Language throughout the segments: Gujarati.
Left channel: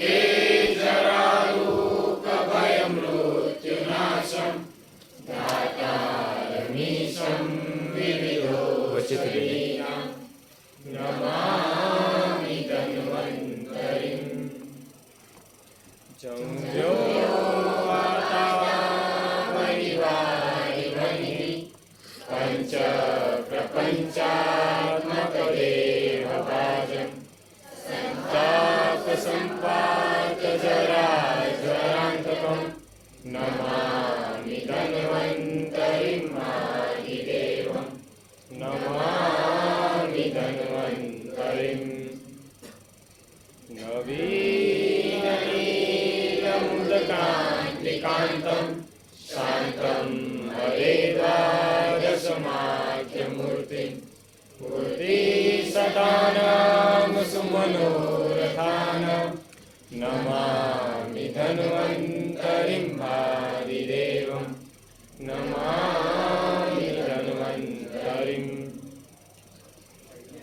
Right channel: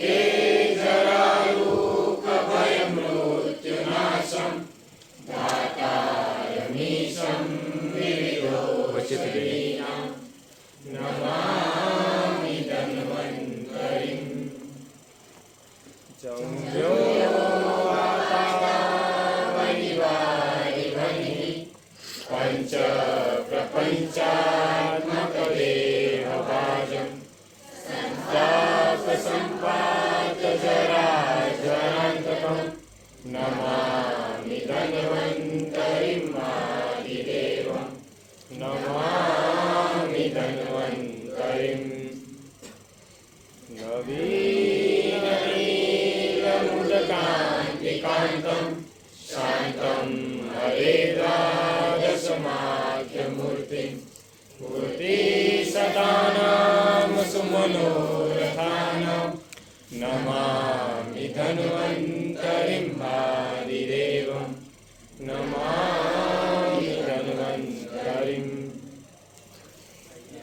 के जरारूक भयमृत्युनाशं दातारमीशं विविधोपशयीनां नमामि धन्वन्तरिं जंव्यो वातावनिवारिवनिः पंच प्रपञ्चात्मकदेहभाजं संतापसम्पातजराजरान्तकं नमामि धन्वन्तरिं आदिदेवं नमामि धन्वन्तरिं नवीननीलमुदकान्तिकान्तं शान्तं हरेद्वादशमाख्यमूर्तिं मूर्तिसदानां सुमनोरथानां नमामि धन्वन्तरिं आदिदेवं नमामि धन्वन्तरिं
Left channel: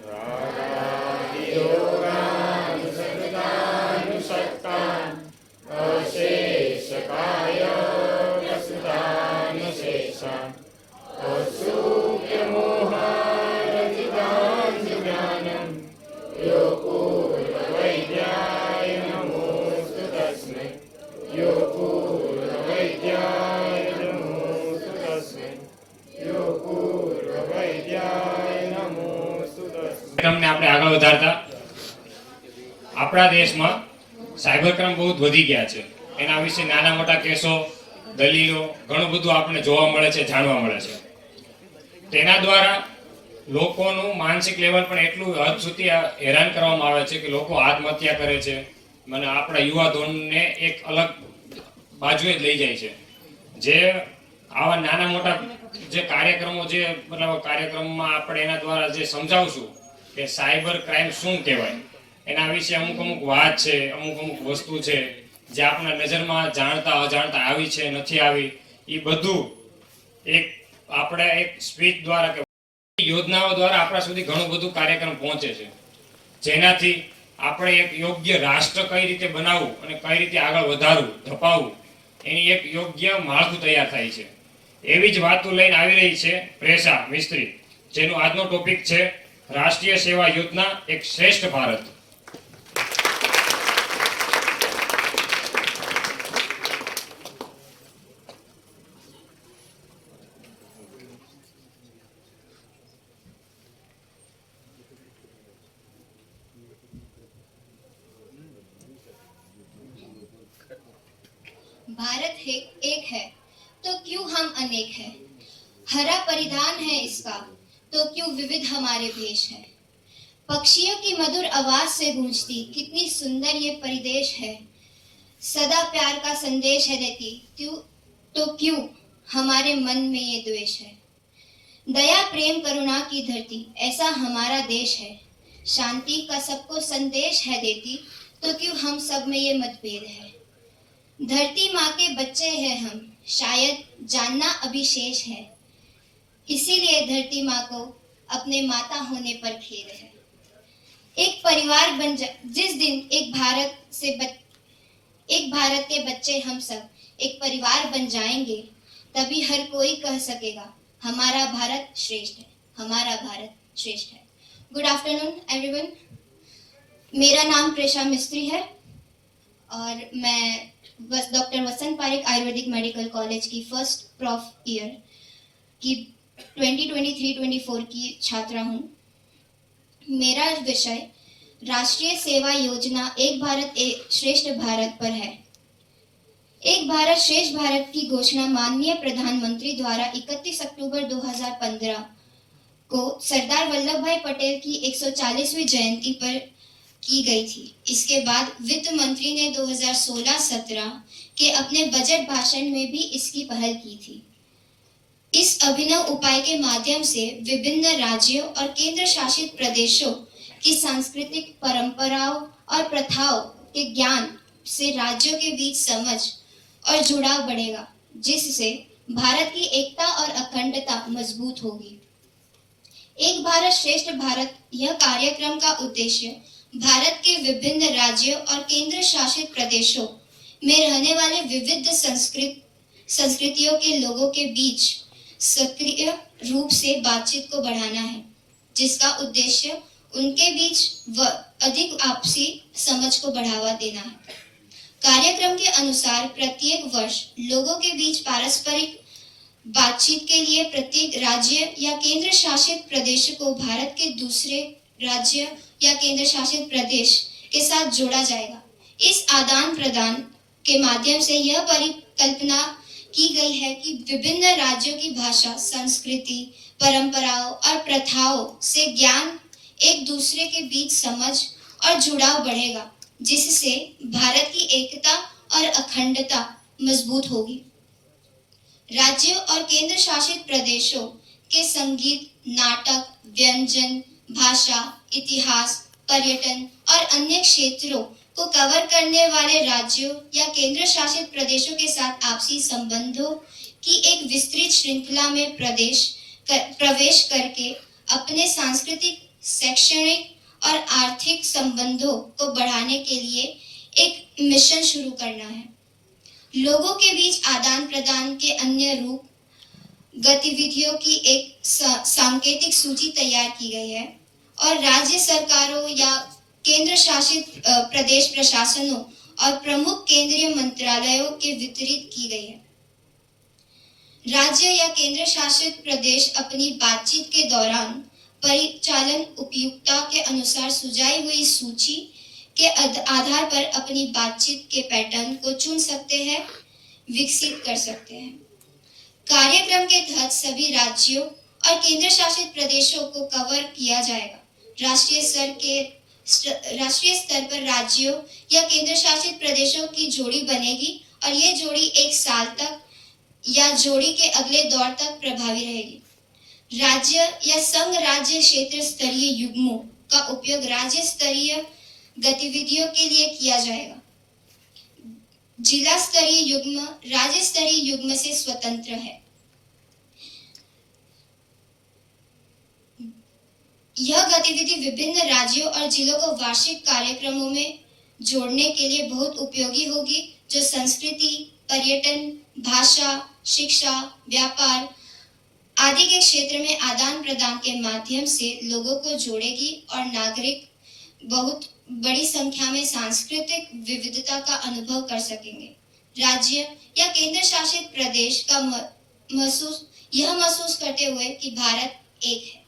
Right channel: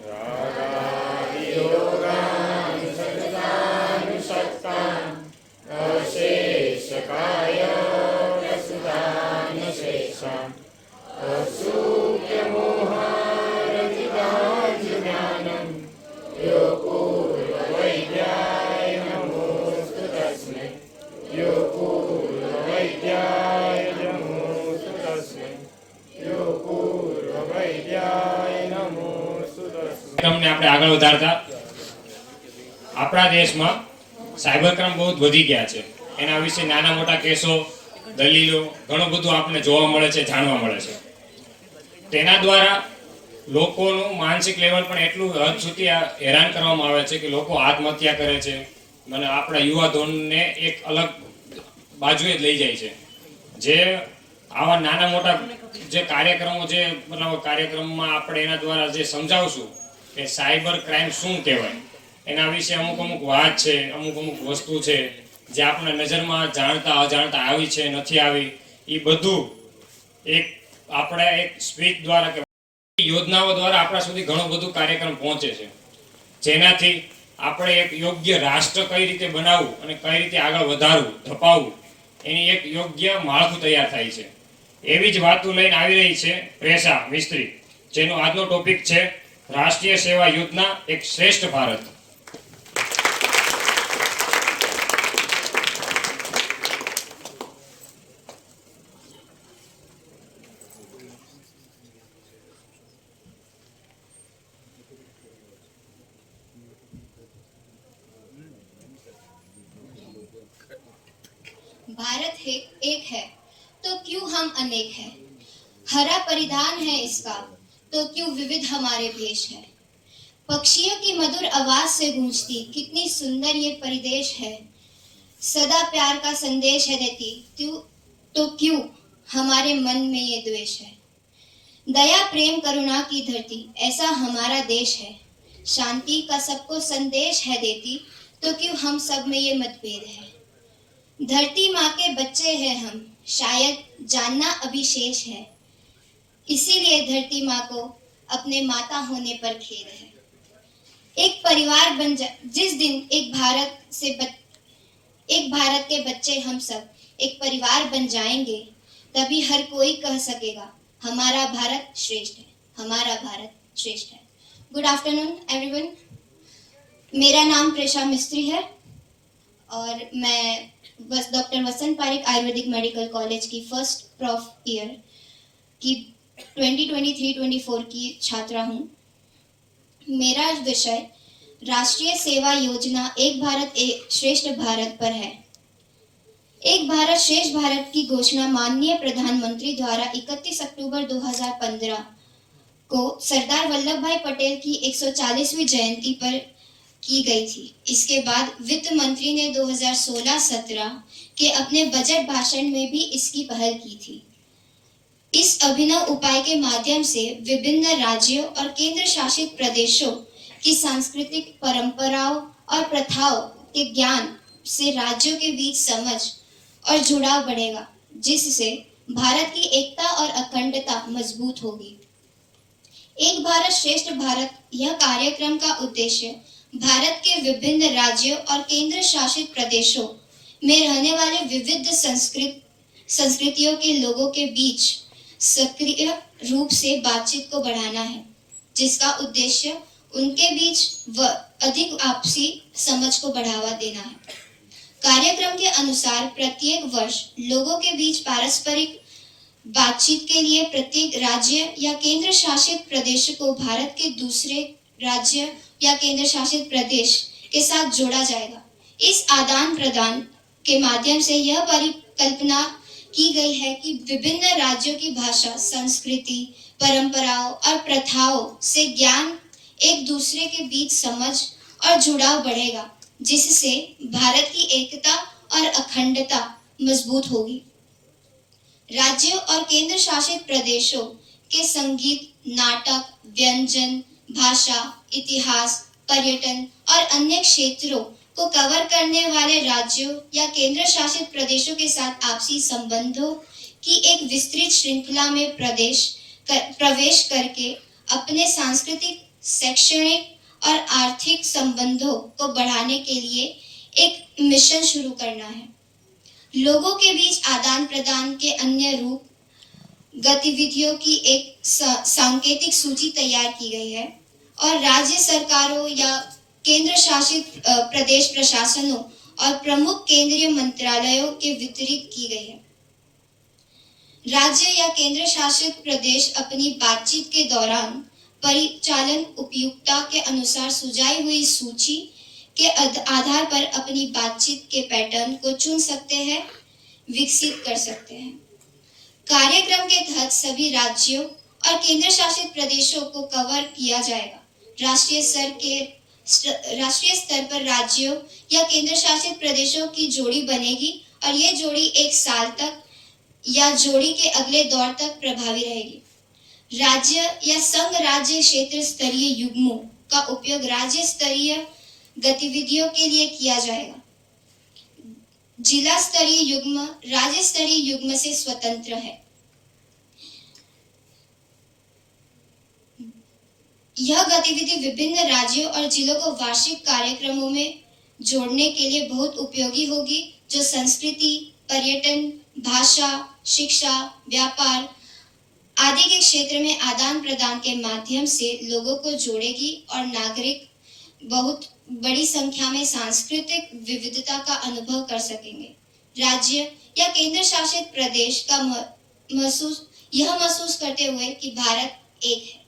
रागादियोगान् सततानुसक्तान् अशेषकायोगसुधानशेषान् असूक्ष्ममोहारहितान् ज्ञानं यो पूर्ववैद्याय नमोऽस्तु तस्मै यो पूर्ववैद्याय नमोऽस्तु तस्मै यो पूर्ववैद्याय नमोऽस्तु तस्मै। તમને આપણે આગળ વધારતા આપણા દેશમાં સાયબર ક્રાઇમ બહુ વધી ગયા છે. એના વિશે નાના મોટા કેસો, દલીલો ઘણું બધું આપણને જોવા મળે છે, જાણવા મળે છે. તેના દ્વારા લોકોનું માનસિક લેવલ પણ એટલું હદ સુધી હેરાન કરવામાં આવે છે કે લોકો આત્મહત્યા કરે છે. મને આપણા યુવા ધોરણને એક અલગ બાજુએ જ લઈ જાય છે. જે આવા નાના મોટા જે કાર્યક્રમો જે કાર્યક્રમમાં આપણે એના દ્વારા જે સમજાવશું કે સાયબર ક્રાઇમ શું કહેવાય, એના વિશે અમુક વાત છે, અમુક વસ્તુ છે જે આપણા નજરમાં જાણતા અજાણતા આવી છે, નથી આવી, એ બધું એક આપણે એક સ્પીચ દ્વારા કે યોજનાઓ દ્વારા આપણા સુધી ઘણું બધું કાર્યક્રમ પહોંચે છે, જેનાથી આપણે એક યોગ્ય રાષ્ટ્ર કઈ રીતે બનાવવું અને કઈ રીતે આગળ વધારવું, ધપાવવું, એની એક યોગ્ય માળખું તૈયાર થાય છે. એવી જ વાતો લઈને આવી રહી છે પ્રેષા મિસ્ત્રી, જેનો આજનો ટોપિક છે રાષ્ટ્રીય સેવા યોજના એક શ્રેષ્ઠ ભારત. भारत है एक है तो क्यों हम अनेक हैं, हरा परिधान है इसका तो क्यों विविध हमारे वेश है, पक्षियों की मधुर आवाज से गूंजती कितनी सुंदर ये परिदेश है, सदा प्यार का संदेश है देती तो क्यों हमारे मन में ये द्वेष है, दया प्रेम करुणा की धरती ऐसा हमारा देश है, शांति का सबको संदेश है देती तो क्यों हम सब में ये मतभेद है, धरती माँ के बच्चे हैं हम शायद जानना अभी शेष है, इसीलिए धरती माँ को अपने माता होने पर खेद है। एक परिवार बन जा जिस दिन एक भारत के बच्चे हम सब एक परिवार बन जाएंगे, तभी हर कोई कह सकेगा हमारा भारत श्रेष्ठ है, हमारा भारत श्रेष्ठ है। गुड आफ्टरनून एवरीवन, मेरा नाम प्रेषा मिस्त्री है और मैं डॉक्टर वसंत पारिक आयुर्वेदिक मेडिकल कॉलेज की फर्स्ट प्रॉफ ईयर की 2023-24 की छात्रा हूँ। मेरा विषय राष्ट्रीय सेवा योजना एक भारत एक श्रेष्ठ भारत पर है। एक भारत श्रेष्ठ भारत की घोषणा माननीय प्रधानमंत्री द्वारा 31 अक्टूबर 2015 को सरदार वल्लभ भाई पटेल की 140वीं जयंती पर की गई थी। इसके बाद वित्त मंत्री ने 2016-17 के अपने बजट भाषण में भी इसकी पहल की थी। इस अभिनव उपाय के माध्यम से विभिन्न राज्यों और केंद्र शासित प्रदेशों की सांस्कृतिक परंपराओं और प्रथाओं के ज्ञान से राज्यों के बीच समझ और जुड़ाव बढ़ेगा, जिससे भारत की एकता और अखंडता मजबूत होगी। एक भारत श्रेष्ठ भारत यह कार्यक्रम का उद्देश्य भारत के विभिन्न राज्यों और केंद्र शासित प्रदेशों में रहने वाले विविध संस्कृतियों के लोगों के बीच सक्रिय रूप से बातचीत को बढ़ाना है, जिसका उद्देश्य उनके बीच अधिक आपसी समझ को बढ़ावा देना है। कार्यक्रम के अनुसार प्रत्येक वर्ष लोगों के बीच पारस्परिक बातचीत के लिए प्रत्येक राज्य या केंद्र शासित प्रदेश को भारत के दूसरे राज्य या केंद्र शासित प्रदेश के साथ जोड़ा जाएगा। इस आदान प्रदान के माध्यम से यह परिकल्पना की गई है कि विभिन्न राज्यों की भाषा, संस्कृति, परंपराओं और प्रथाओं से ज्ञान, एक दूसरे के बीच समझ और जुड़ाव बढ़ेगा, जिससे भारत की एकता और अखंडता मजबूत होगी। राज्यों और केंद्र शासित प्रदेशों के संगीत, नाटक, व्यंजन, भाषा, इतिहास, पर्यटन और अन्य क्षेत्रों को कवर करने वाले राज्यों या केंद्र शासित प्रदेशों के साथ आपसी संबंधों की एक विस्तृत श्रृंखला में प्रवेश करके अपने सांस्कृतिक, शैक्षणिक और आर्थिक संबंधों को बढ़ाने के लिए एक मिशन शुरू करना है। लोगों के बीच आदान प्रदान के अन्य रूप गतिविधियों की एक सांकेतिक सूची तैयार की गई है और राज्य सरकारों या केंद्र शासित प्रदेश प्रशासनों और प्रमुख केंद्रीय मंत्रालयों के वितरित की गई है। राज्य या केंद्र शासित प्रदेश अपनी बातचीत के दौरान परिचालन उपयुक्तता के अनुसार सुझाई हुई सूची के आधार पर अपनी बातचीत के पैटर्न को चुन सकते हैं, विकसित कर सकते हैं। कार्यक्रम के तहत सभी राज्यों और केंद्र शासित प्रदेशों को कवर किया जाएगा। राष्ट्रीय स्तर पर राज्यों या केंद्र शासित प्रदेशों की जोड़ी बनेगी और ये जोड़ी एक साल तक या जोड़ी के अगले दौर तक प्रभावी रहेगी। राज्य या संघ राज्य क्षेत्र स्तरीय युग्मों का उपयोग राज्य स्तरीय गतिविधियों के लिए किया जाएगा। जिला स्तरीय युग्म राज्य स्तरीय युग्म से स्वतंत्र है। यह गतिविधि विभिन्न राज्यों और जिलों को वार्षिक कार्यक्रमों में जोड़ने के लिए बहुत उपयोगी होगी, जो संस्कृति, पर्यटन, भाषा, शिक्षा, व्यापार आदि के क्षेत्र में आदान प्रदान के माध्यम से लोगों को जोड़ेगी और नागरिक बहुत बड़ी संख्या में सांस्कृतिक विविधता का अनुभव कर सकेंगे। राज्य या केंद्र शासित प्रदेश का महसूस करते हुए कि भारत एक है।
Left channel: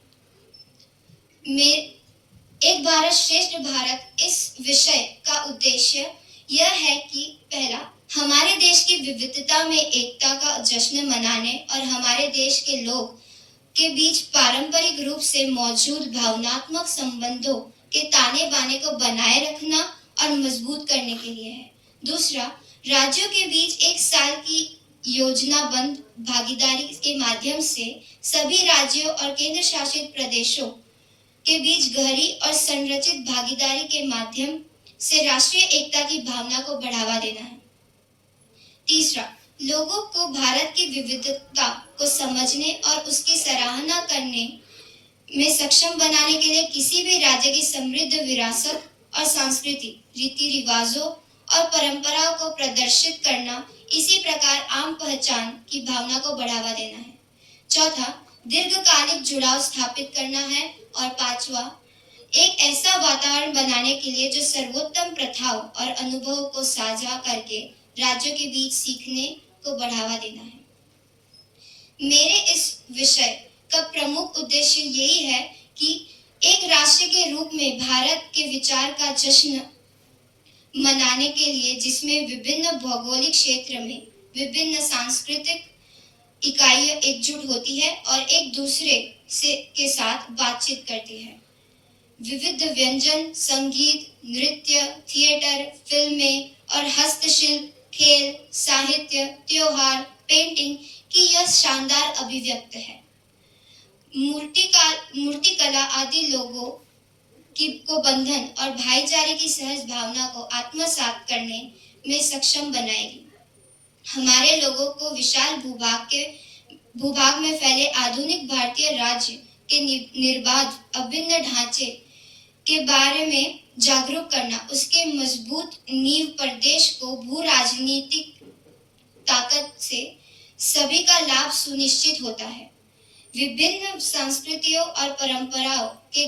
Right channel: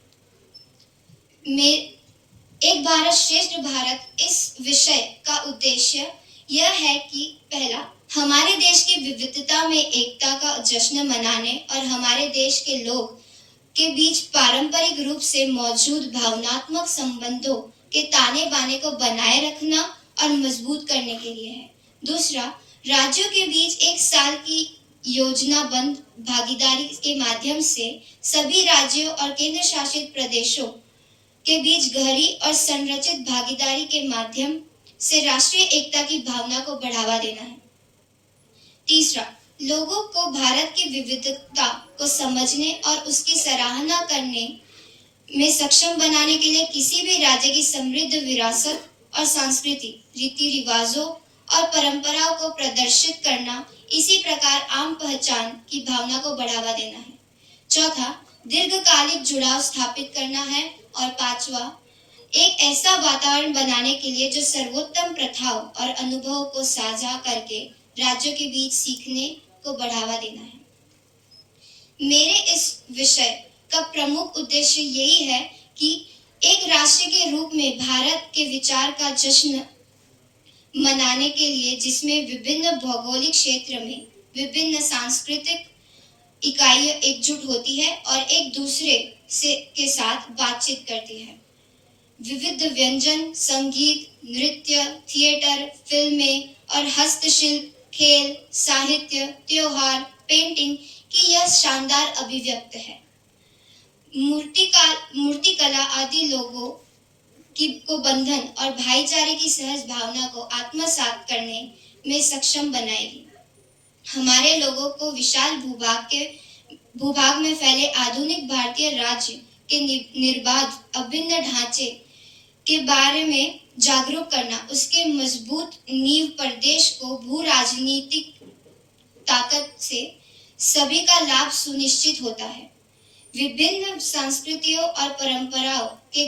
एक भारत श्रेष्ठ भारत इस विषय का उद्देश्य यह है कि पहला, हमारे देश की विविधता में एकता का जश्न मनाने और हमारे देश के लोग के बीच पारंपरिक रूप से मौजूद भावनात्मक संबंधों के ताने बाने को बनाए रखना और मजबूत करने के लिए है। दूसरा, राज्यों के बीच एक साल की योजनाबद्ध भागीदारी के माध्यम से सभी राज्यों और केंद्र शासित प्रदेशों के बीच गहरी और संरचित भागीदारी के माध्यम से राष्ट्रीय एकता की भावना को बढ़ावा देना है। तीसरा, लोगों को भारत की विविधता को समझने और उसकी सराहना करने में सक्षम बनाने के लिए किसी भी राज्य की समृद्ध विरासत और सांस्कृति, रीति रिवाजों और परंपराओं को प्रदर्शित करना, इसी प्रकार आम पहचान की भावना को बढ़ावा देना है। चौथा, दीर्घकालिक जुड़ाव स्थापित करना है। और पांचवा, एक ऐसा वातावरण बनाने के लिए जो सर्वोत्तम प्रथाओं और अनुभवों को साझा करके राज्यों के बीच सीखने को बढ़ावा देना है। मेरे इस विषय का प्रमुख उद्देश्य यही है कि एक राष्ट्र के रूप में भारत के विचार का जश्न मनाने के लिए, जिसमें विभिन्न भौगोलिक क्षेत्र में विभिन्न सांस्कृतिक इकाइयां एकजुट होती है और एक दूसरे के साथ बातचीत करती है। विविध व्यंजन, संगीत, नृत्य, थिएटर, फिल्में और हस्तशिल्प, खेल, साहित्य, त्योहार, पेंटिंग की यह शानदार अभिव्यक्त है। मूर्तिकला आदि लोगों को बंधन और भाईचारे की सहज भावना को आत्मसात करने में सक्षम बनाएगी। हमारे लोगों को विशाल भूभाग में फैले आधुनिक भारतीय राज्य के निर्बाध अभिन्न ढांचे के बारे में जागरूक करना, उसके मजबूत नींव पर देश को भू राजनीतिक ताकत से सभी का लाभ सुनिश्चित होता है। विभिन्न संस्कृतियों और परंपराओं के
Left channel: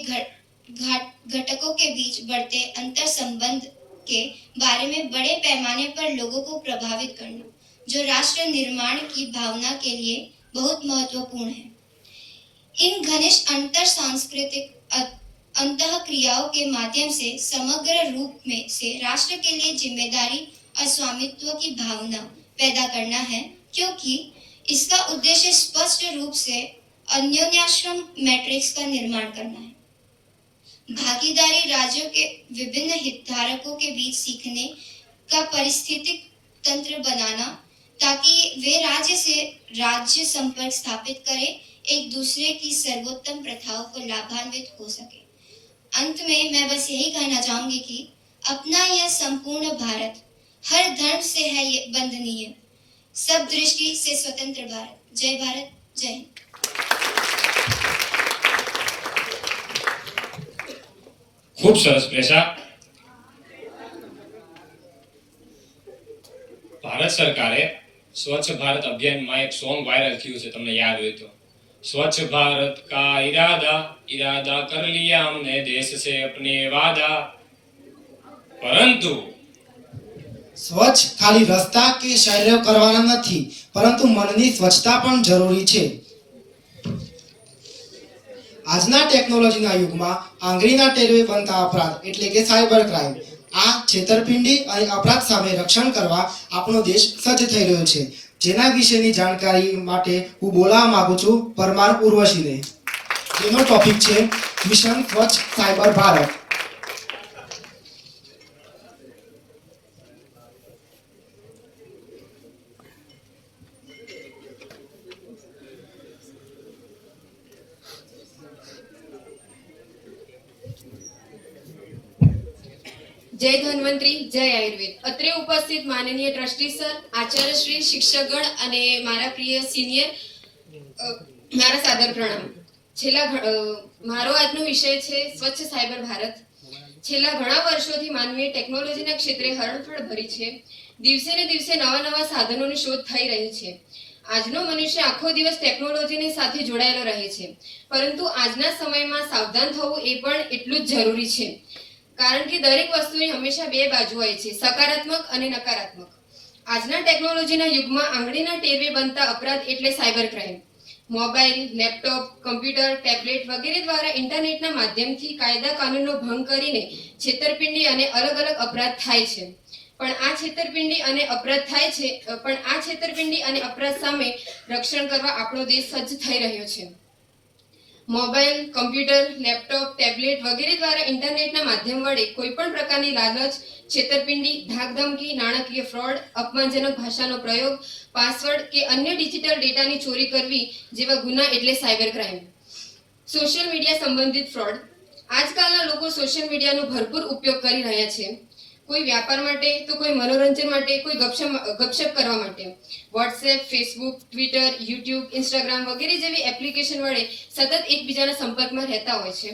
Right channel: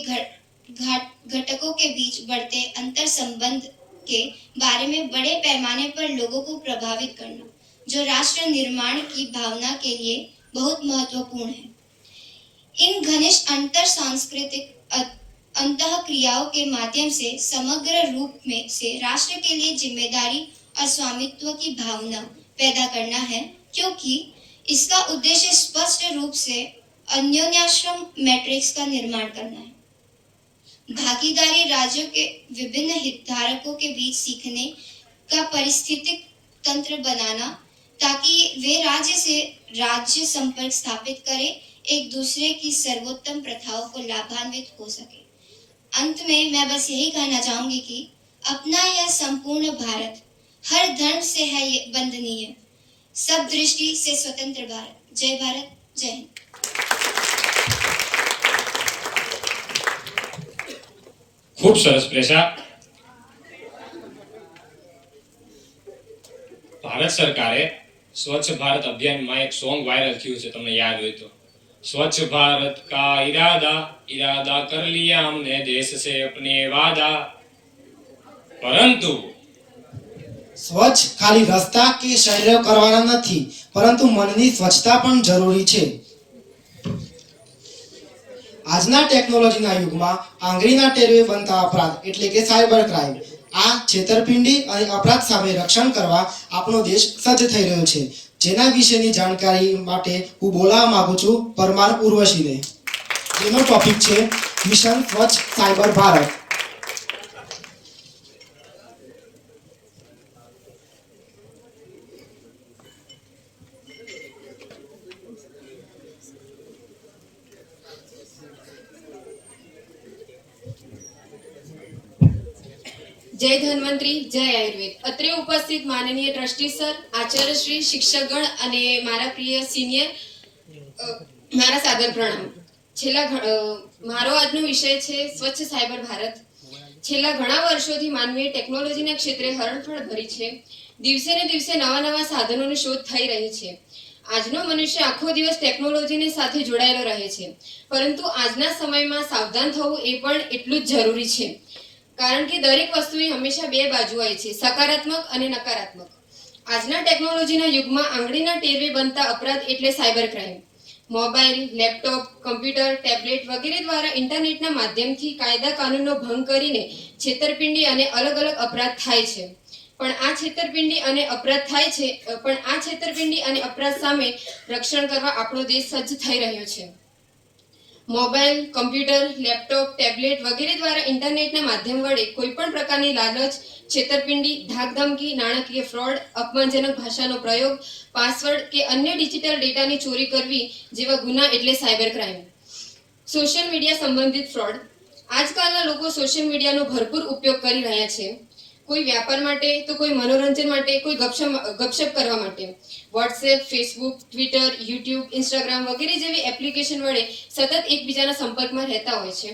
घटकों के बीच बढ़ते अंतर संबंध के बारे में बड़े पैमाने पर लोगों को प्रभावित करना, जो राष्ट्र निर्माण की भावना के लिए बहुत महत्वपूर्ण है। इन घनिष्ठ अंतर सांस्कृतिक अंतःक्रियाओं के माध्यम से समग्र रूप में से राष्ट्र के लिए जिम्मेदारी और स्वामित्व की भावना पैदा करना है, क्योंकि इसका उद्देश्य स्पष्ट रूप से अन्योन्याश्रम मैट्रिक्स का निर्माण करना है। भागीदारी राज्यों के विभिन्न हितधारकों के बीच सीखने का परिस्थितिक तंत्र बनाना, ताकि वे राज्य से राज्य संपर्क स्थापित करें, एक दूसरे की सर्वोत्तम प्रथाओं को लाभान्वित हो सके। अंत में मैं बस यही कहना चाहूंगी कि अपना यह संपूर्ण भारत हर धर्म से है ये बंधनीय, सब दृष्टि से स्वतंत्र भारत। जय भारत, जय हिंद। ખૂબ સરસ પ્રેષા। ભારત સરકારે સ્વચ્છ ભારત અભિયાનમાં એક સોંગ વાયરલ થયું છે, તમને યાદ હોય તો, स्वच्छ भारत का इरादा इरादा कर लिया हमने देश से अपने वादा, परंतु સ્વચ્છ ખાલી રસ્તા કે શહેરો કરવાના નથી, પરંતુ મનની સ્વચ્છતા પણ જરૂરી છે। આજના ટેકનોલોજીના યુગમાં આંગળીના ટેરવે બનતા અપરાધ એટલે કે સાયબર ક્રાઇમ, આ છેતરપિંડી અને અપરાધ સામે રક્ષણ કરવા આપણો દેશ સજ્જ થઈ રહ્યો છે, જેના વિશેની જાણકારી માટે હું બોલાવવા માંગુ છું પરમાર ઉર્વશીને, જેનો ટોપિક છે મિશન સ્વચ્છ સાયબર ભારત। जय धन्वंतरी, जय आयुर्वेद। અત્રે ઉપસ્થિત માનનીય ટ્રસ્ટી સર, આચાર્યશ્રી, શિક્ષકગણ અને મારા પ્રિય સિનિયર, મારા સાદર પ્રણામ। મારો આજનો વિષય છે સ્વચ્છ સાયબર ભારત। છેલ્લા ઘણા વર્ષોથી માનવીય ટેકનોલોજીના ક્ષેત્રે હરણફળ ભરી છે। દિવસે ને દિવસે નવા નવા સાધનોની શોધ થઈ રહી છે। આજનો મનુષ્ય આખો દિવસ ટેકનોલોજીની સાથે જોડાયેલો રહે છે, પરંતુ આજના સમયમાં સાવધાન થવું એ પણ એટલું જ જરૂરી છે, કારણ કે દરેક વસ્તુની હંમેશા બે બાજુ હોય છે, સકારાત્મક અને નકારાત્મક। આજના ટેકનોલોજીના યુગમાં આંગળીના ટેરવે બનતા અપરાધ એટલે cyber crime. Mobile, laptop, computer, tablet વગેરે દ્વારા ઇન્ટરનેટના માધ્યમથી કાયદા કાનૂનનો ભંગ કરીને છેતરપિંડી અને અલગ અલગ અપરાધ થાય છે। પણ આ છેતરપિંડી અને અપરાધ સામે રક્ષણ કરવા આપણો દેશ સજ્જ થઈ રહ્યો છે। મોબાઈલ, કમ્પ્યુટર, લેપટોપ, ટેબ્લેટ વગેરે દ્વારા ઇન્ટરનેટના માધ્યમ વડે કોઈપણ પ્રકારની લાલચ, છેતરપિંડી, ધાકધમકી, નાણાકીય ફ્રોડ, અપમાનજનક ભાષાનો પ્રયોગ, પાસવર્ડ કે અન્ય ડિજિટલ ડેટાની ચોરી કરવી જેવા ગુના એટલે સાયબર ક્રાઇમ। સોશિયલ મીડિયા સંબંધિત ફ્રોડ। આજકાલના લોકો સોશિયલ મીડિયાનો ભરપૂર ઉપયોગ કરી રહ્યા છે, કોઈ વ્યાપાર માટે તો કોઈ મનોરંજન માટે, કોઈ ગપશપ કરવા માટે। WhatsApp, Facebook, Twitter, YouTube, Instagram વગેરે જેવી એપ્લિકેશન વડે સતત એકબીજાના સંપર્કમાં રહેતા હોય છે,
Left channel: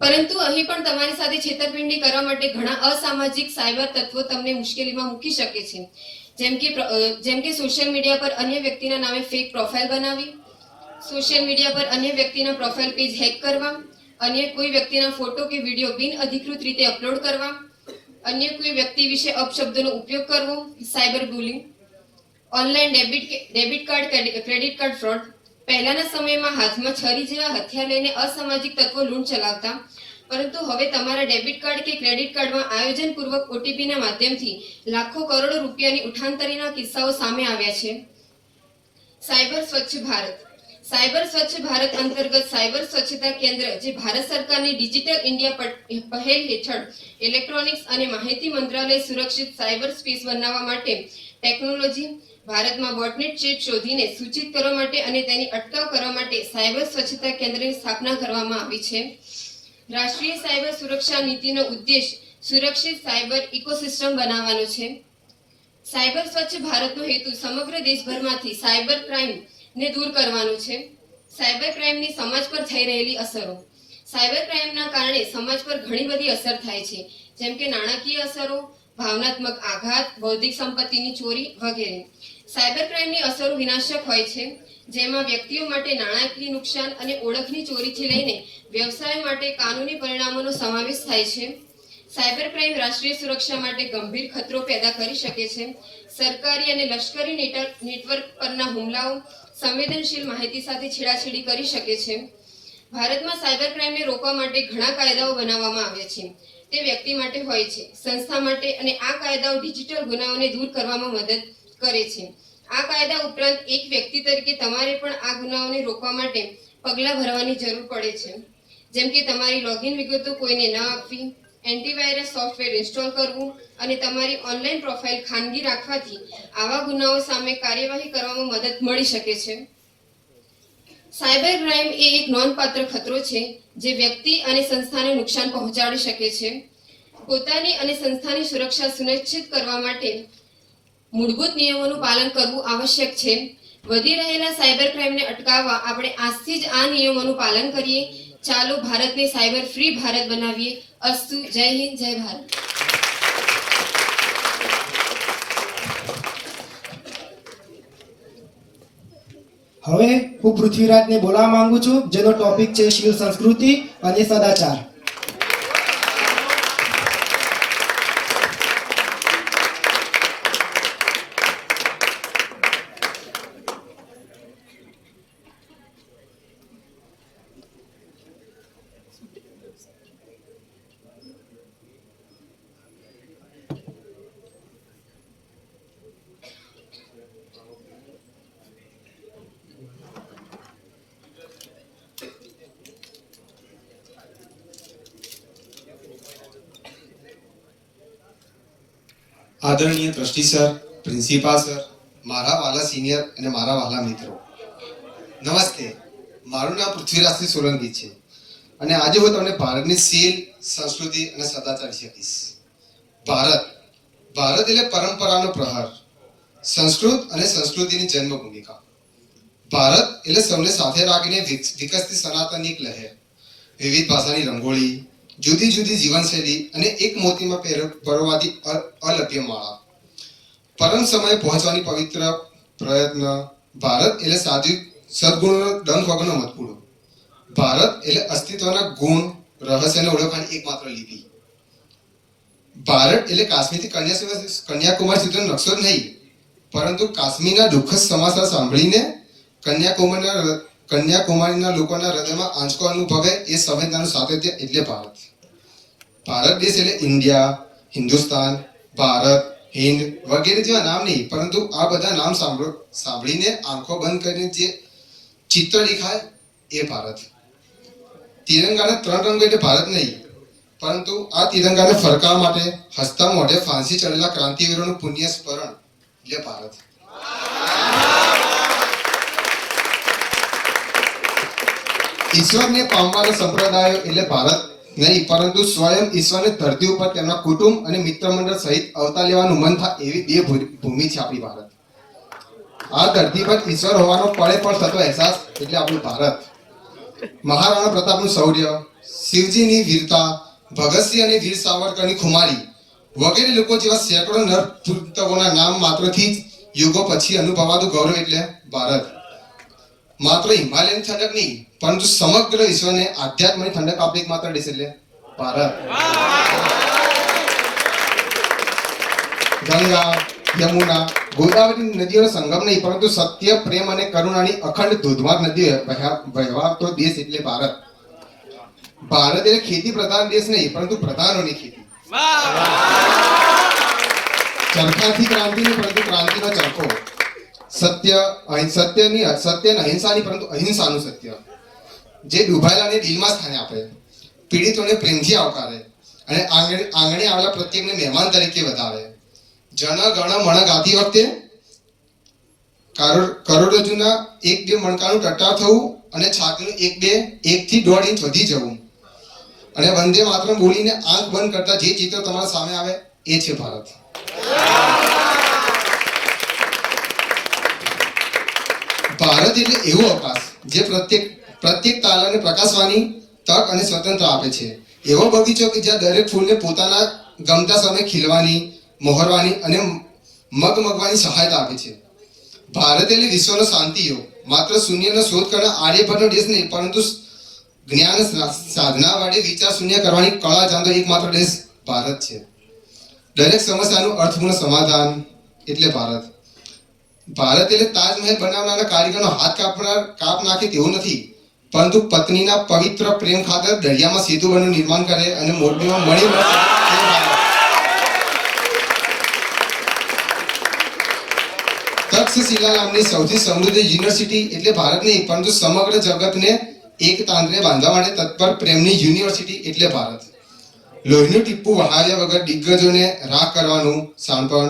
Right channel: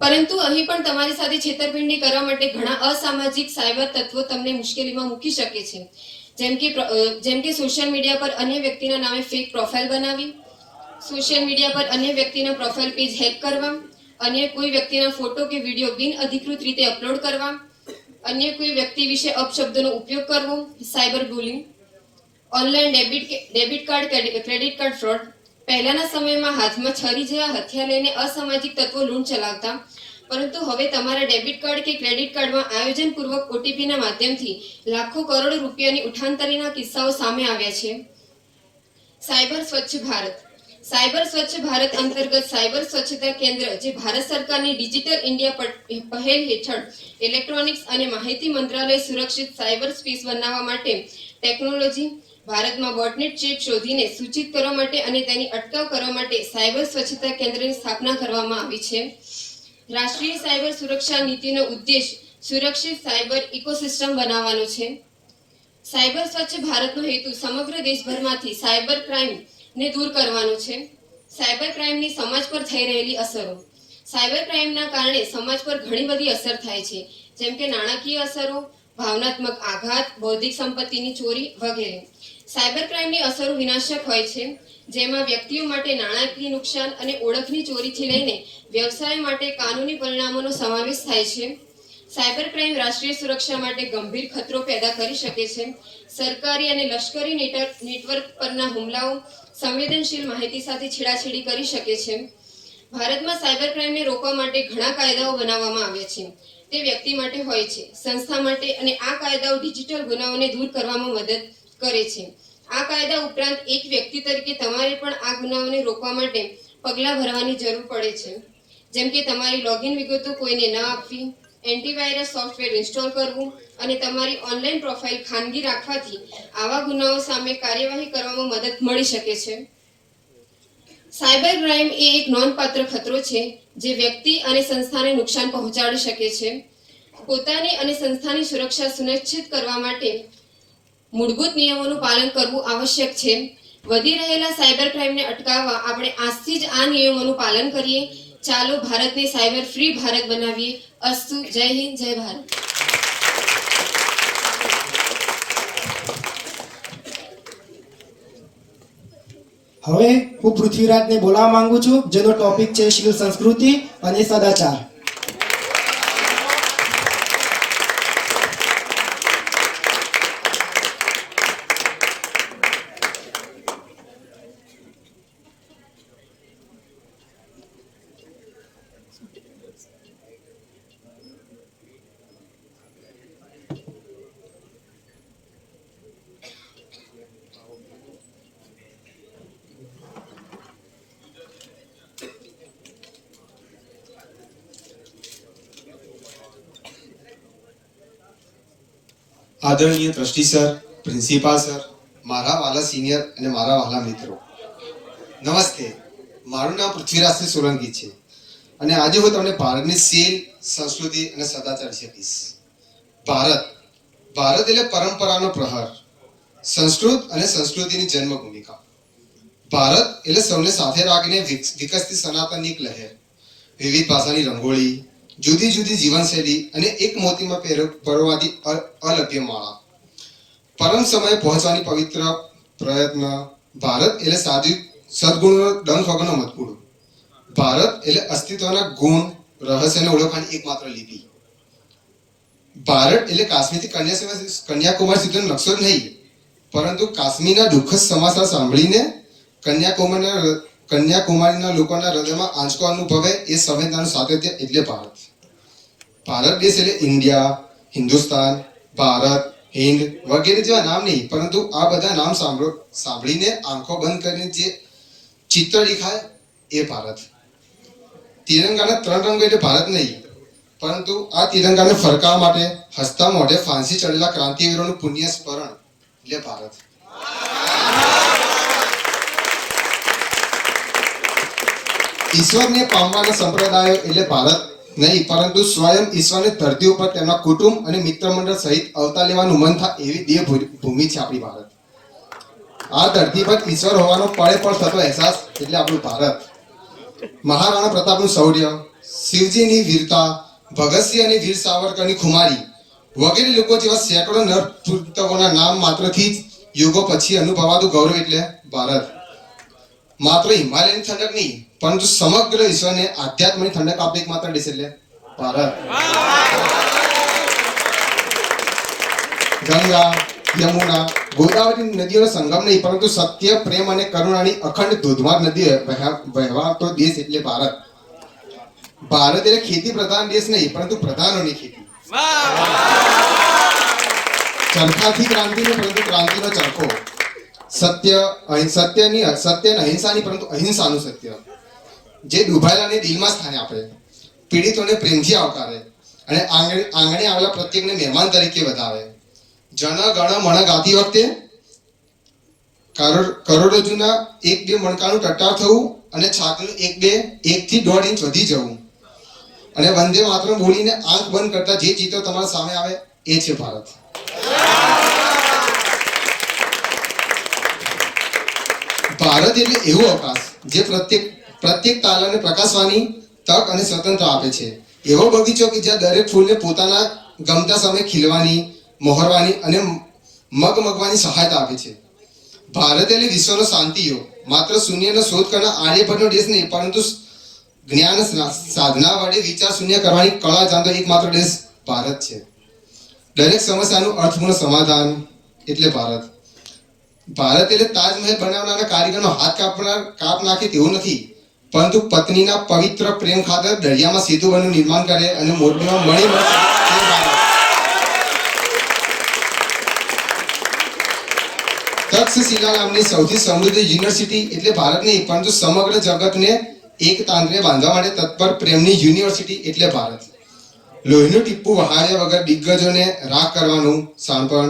પરંતુ અહીં પણ તમારી સાથે છેતરપિંડી કરવા માટે ઘણા અસામાજિક સાયબર તત્વો તમને મુશ્કેલીમાં મૂકી શકે છે, જેમ કે સોશિયલ મીડિયા પર અન્ય વ્યક્તિના નામે ફેક પ્રોફાઇલ બનાવી, સોશિયલ મીડિયા પર અન્ય વ્યક્તિના પ્રોફાઇલ પેજ હેક કરવા, अन्य कोई व्यक्तिना फोटो के वीडियो बिन अधिकृत रीते अपलोड करवा, अन्य कोई व्यक्ति विषे अपशब्दों उपयोग करवो, cyber bullying. Online debit card, credit card fraud. पहलाना समयमां हाथमां छरी जेवा हथियार लईने असामाजिक तत्वो लूंट चलावता, परंतु हवे तमारा डेबिट कार्ड के क्रेडिट कार्डमां आयोजनपूर्वक ओटीपी ना माध्यमथी लाखों करोड़ों रूपियानी उठाणतरीना किस्साओ सामे आव्या छे। साइबर स्वच्छ भारत। साइबर स्वच्छ भारत अंतर्गत साइबर स्वच्छता केंद्र जे भारत सरकारनी डिजिटल इंडिया पहल हेठळ इलेक्ट्रॉनिक्स અને માહિતી મંત્રાલય સુરક્ષિત સાયબર સ્પેસ બનાવવા માટે ટેકનોલોજી ભારતમાં બોટનેટ ચેપ શોધીને સૂચિત કરવા માટે અને તેની અટકાવ કરવા માટે સાયબર સ્વચ્છતા કેન્દ્રની સ્થાપના કરવામાં આવી છે। રાષ્ટ્રીય સાયબર સુરક્ષા નીતિનો ઉદ્દેશ સુરક્ષિત સાયબર ઇકોસિસ્ટમ બનાવવાનો છે। સાયબર સ્વચ્છ ભારતનો હેતુ સમગ્ર દેશભરમાંથી સાયબર ક્રાઇમ ને दूर करवानो छे। साइबर क्राइम ની સમાજ પર થઈ રહેલી અસરો। સાયબર ક્રાઇમના કારણે સમાજ પર ઘણી બધી અસર થાય છે, જેમ કે નાણાકીય અસરો, ભાવનાત્મક આઘાત, બૌદ્ધિક સંપત્તિની ચોરી વગેરે. સાયબર ક્રાઇમની અસરો વિનાશક હોય છે, જેમાં વ્યક્તિઓ માટે નાણાકીય નુકસાન અને ઓળખની ચોરીથી લઈને વ્યવસાય માટે કાનૂની પરિણામોનો સમાવેશ થાય છે. સાયબર ક્રાઇમ રાષ્ટ્રીય સુરક્ષા માટે ગંભીર ખતરો પેદા કરી શકે છે. સરકારી અને લશ્કરી નેટવર્ક પરના હુમલાઓ સંવેદનશીલ માહિતી સાથે છેડાછેડી કરી શકે છે. ભારતમાં સાયબર ક્રાઇમને રોકવા માટે ઘણા કાયદાઓ બનાવવામાં આવ્યા છે. તે વ્યક્તિ માટે હોય છે, સંસ્થા માટે, અને આ કાયદાઓ ડિજિટલ ગુનાઓને દૂર કરવામાં મદદ કરે છે. આ કાયદા ઉપરાંત એક વ્યક્તિ તરીકે તમારે પણ આ ગુનાઓને રોકવા માટે પગલાં ભરવાની જરૂર પડે છે, જેમ કે તમારી લોગિન વિગતો કોઈને ન આપવી, એન્ટીવાયરસ સોફ્ટવેર ઇન્સ્ટોલ કરવું અને તમારી ઓનલાઈન પ્રોફાઇલ ખાનગી રાખવાથી આવા ગુનાઓ સામે કાર્યવાહી કરવામાં મદદ મળી શકે છે. સાયબર ક્રાઇમ એ એક નોંધપાત્ર ખતરો છે જે વ્યક્તિ અને સંસ્થાને નુકસાન પહોંચાડી શકે છે. પોતાની અને સંસ્થાની સુરક્ષા સુનિશ્ચિત કરવા માટે મૂળભૂત નિયમોનું પાલન કરવું આવશ્યક છે. વધી રહેલા સાયબર ક્રાઇમને અટકાવવા આપણે આજથી જ આ નિયમોનું પાલન કરીએ. ચાલો ભારતને સાયબર ફ્રી ભારત બનાવીએ. અસ્તુ. જય હિન્દ, જય ભારત. હવે હું પૃથ્વીરાજને બોલાવવા માંગુ છું, જેનો ટોપિક છે શીલ સંસ્કૃતિ અને સદાચાર. આદરણીય ટ્રસ્ટી સર, પ્રિન્સિપાલ સર, મારા વાલા સિનિયર અને મારા વાલા મિત્રો, નમસ્તે. મારું નામ પૃથ્વીરાજસિંહ સોલંકી છે અને આજે હું તમને ભારતની શીલ, સંસ્કૃતિ અને સદાચાર વિશે કહીશ. ભારત એટલે પરંપરાનો પ્રહાર, સંસ્કૃત અને સંસ્કૃતિની જન્મભૂમિકા. ભારત એટલે સૌને સાથે રાખીને વિકસતી સનાતનની એક લહેર, વિવિધ ભાષાની રંગોળી, જુદી જુદી જીવનશૈલી અને એક મોતીમાં પરોવાતી અલભ્ય માળા. પરમ સમયે પહોંચવાની પવિત્ર પ્રયત્ન. ભારત એટલે સાત્વિક સદગુણોનો ડંખ વગરનો મતપૂડો. ભારત એટલે અસ્તિત્વના ગુણ, રહસ્યને ઓળખવાની એકમાત્ર લિપિ. ભારત એટલે કાશ્મીરથી કન્યાકુમારી સુધીનો નકશો જ નહીં, પરંતુ કાશ્મીરના દુઃખદ સમાચાર સાંભળીને કન્યાકુમારીના લોકોના હૃદયમાં આંચકો અનુભવે એ સંવેદનાનું સાતત્ય એટલે ભારત. ભારત દેશ એટલે ઇન્ડિયા, હિન્દુસ્તાન, ભારત, હિન્દ વગેરે જેવા નામ નહીં, પરંતુ આ બધા નામ સાંભળીને આંખો બંધ કરીને જે ચિત્ર દેખાય એ ભારત. તિરંગાના 3 રંગો એટલે ભારત નહીં, પરંતુ આ તિરંગાને ફરકાવવા માટે હસતા મોઢે ફાંસી ચડેલા ક્રાંતિવીરોનું પુણ્ય સ્મરણ એટલે ભારત. ઈશ્વરને પામવાના સંપ્રદાયો એટલે ભારત નહીં, પરંતુ સ્વયં ઈશ્વરની ધરતી ઉપર તેમના કુટુંબ અને મિત્ર મંડળ સહિત અવતાર લેવાનું મન થાય એવી દેવભૂમિ છે આપણી ભારત. આ ધરતી પર ઈશ્વર હોવાનો પળે પળ થતો અહેસાસ એટલે આપણું ભારત. મહારાણા પ્રતાપનું શૌર્ય, શિવજીની વીરતા, ભગતસિંહ અને વીર સાવરકરની ખુમારી વગેરે લોકો જેવા સેંકડો નરપુત્રોના નામ માત્રથી જ યુગો પછી અનુભવાતું ગૌરવ એટલે ભારત. માત્ર હિમાલયની ઠંડક નહીં, પરંતુ સમગ્ર વિશ્વને આધ્યાત્મની ઠંડક આપે એકમાત્ર દેશ એટલે ભારત. ગંગા, યમુના, ગોદાવરી નદીઓનો સંગમ નહીં, પરંતુ સત્ય, પ્રેમ અને કરુણાની અખંડ ધોધમાર નદી વહેવાતો દેશ એટલે ભારત. ભારત એટલે ખેતી પ્રધાન દેશ નહીં, પરંતુ પ્રધાનોની ખેતી. ચરખાથી ક્રાંતિ નહીં, પરંતુ ક્રાંતિનો ચરખો. સત્ય અને અહિંસાની, પરંતુ અહિંસાનું સત્ય, જે ડૂબાયેલાને દિલમાં સ્થાન આપે, પીડિતોને પ્રેમથી આવકારે અને આંગણે આવેલા પ્રત્યેકને મહેમાન તરીકે વધાવે. જન ગણ મણ ગાતી વખતે કરોડરજ્જુના 1-2 મણકાનું ટટ્ટાર થવું અને છાતીનું 1 થી 1.5 ઇંચ વધી જવું અને વંદે માતરમ બોલીને આંખ બંધ કરતા જે ચિત્ર તમારા સામે આવે એ છે ભારત. ભારત એટલે એવું અવકાશ જે પ્રત્યેક તારાને પ્રકાશવાની, તક અને સ્વતંત્રતા આપે છે. એવો બગીચો કે જ્યાં દરેક ફૂલને પોતાના ગમતા સમયે ખીલવાની, મોહરવાની અને મગમગવાની સહાયતા આપે છે. ભારત એટલે વિશ્વનો શાંતિ યુગ. માત્ર શૂન્યનો શોધ કરનાર આર્યભટ્ટનો દેશ નહીં, પરંતુ જ્ઞાન સાધના વડે વિચાર શૂન્ય કરવાની કળા જાણતો એકમાત્ર દેશ ભારત છે. દરેક સમસ્યાનું અર્થપૂર્ણ સમાધાન એટલે ભારત. ભારત એટલે તાજમહેલ બનાવનારા કારીગરનો હાથ કાપ નાખે તેવું નથી, પરંતુ પત્નીના પવિત્ર પ્રેમ ખાતર દરિયામાં સેતુબંધનું નિર્માણ કરે અને મોરબીમાં મણી તે ભારત. તક્ષશિલા નામની સૌથી સમૃદ્ધ યુનિવર્સિટી એટલે ભારત નહીં, પરંતુ સમગ્ર જગતને એક તાંત્રે બાંધવા માટે તત્પર પ્રેમની યુનિવર્સિટી એટલે ભારત. લોહીનું ટીપું વહાવ્યા વગર દિગ્ગજોને રાખ કરવાનું શાણપણ,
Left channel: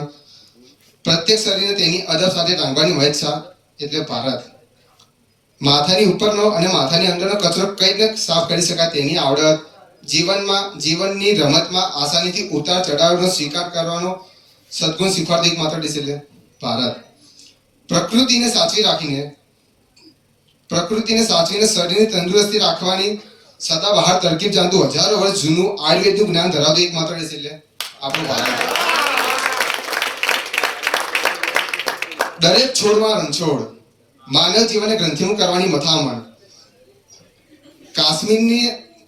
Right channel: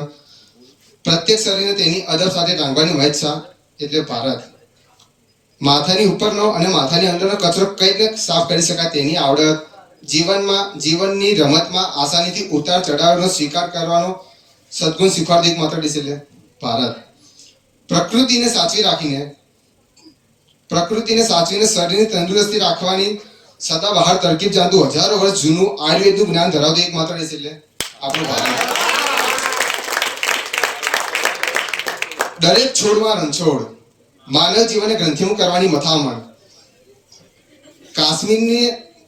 પ્રત્યેક શરીરને તેની અદબ સાથે ટાંગવાની મહેચ્છા એટલે ભારત. માથાની ઉપરનો અને માથાની અંદરનો કચરો કઈ રીતે સાફ કરી શકાય તેની આવડત, જીવનની રમતમાં આસાનીથી ઉતાર ચઢાવનો સ્વીકાર કરવાનો સદગુણ શીખવાડતો એકમાત્ર દેશ એટલે ભારત. પ્રકૃતિને સાચવીને શરીરની તંદુરસ્તી રાખવાની સદાબહાર તરકીબ જાણતું હજારો વર્ષ જૂનું આયુર્વેદનું જ્ઞાન ધરાવતું એકમાત્ર દેશ એટલે આપણો ભારત. દરેક છોડમાં રણછોડ, માનવ જીવનને ગ્રંથિમુખ કરવાની મથામણ.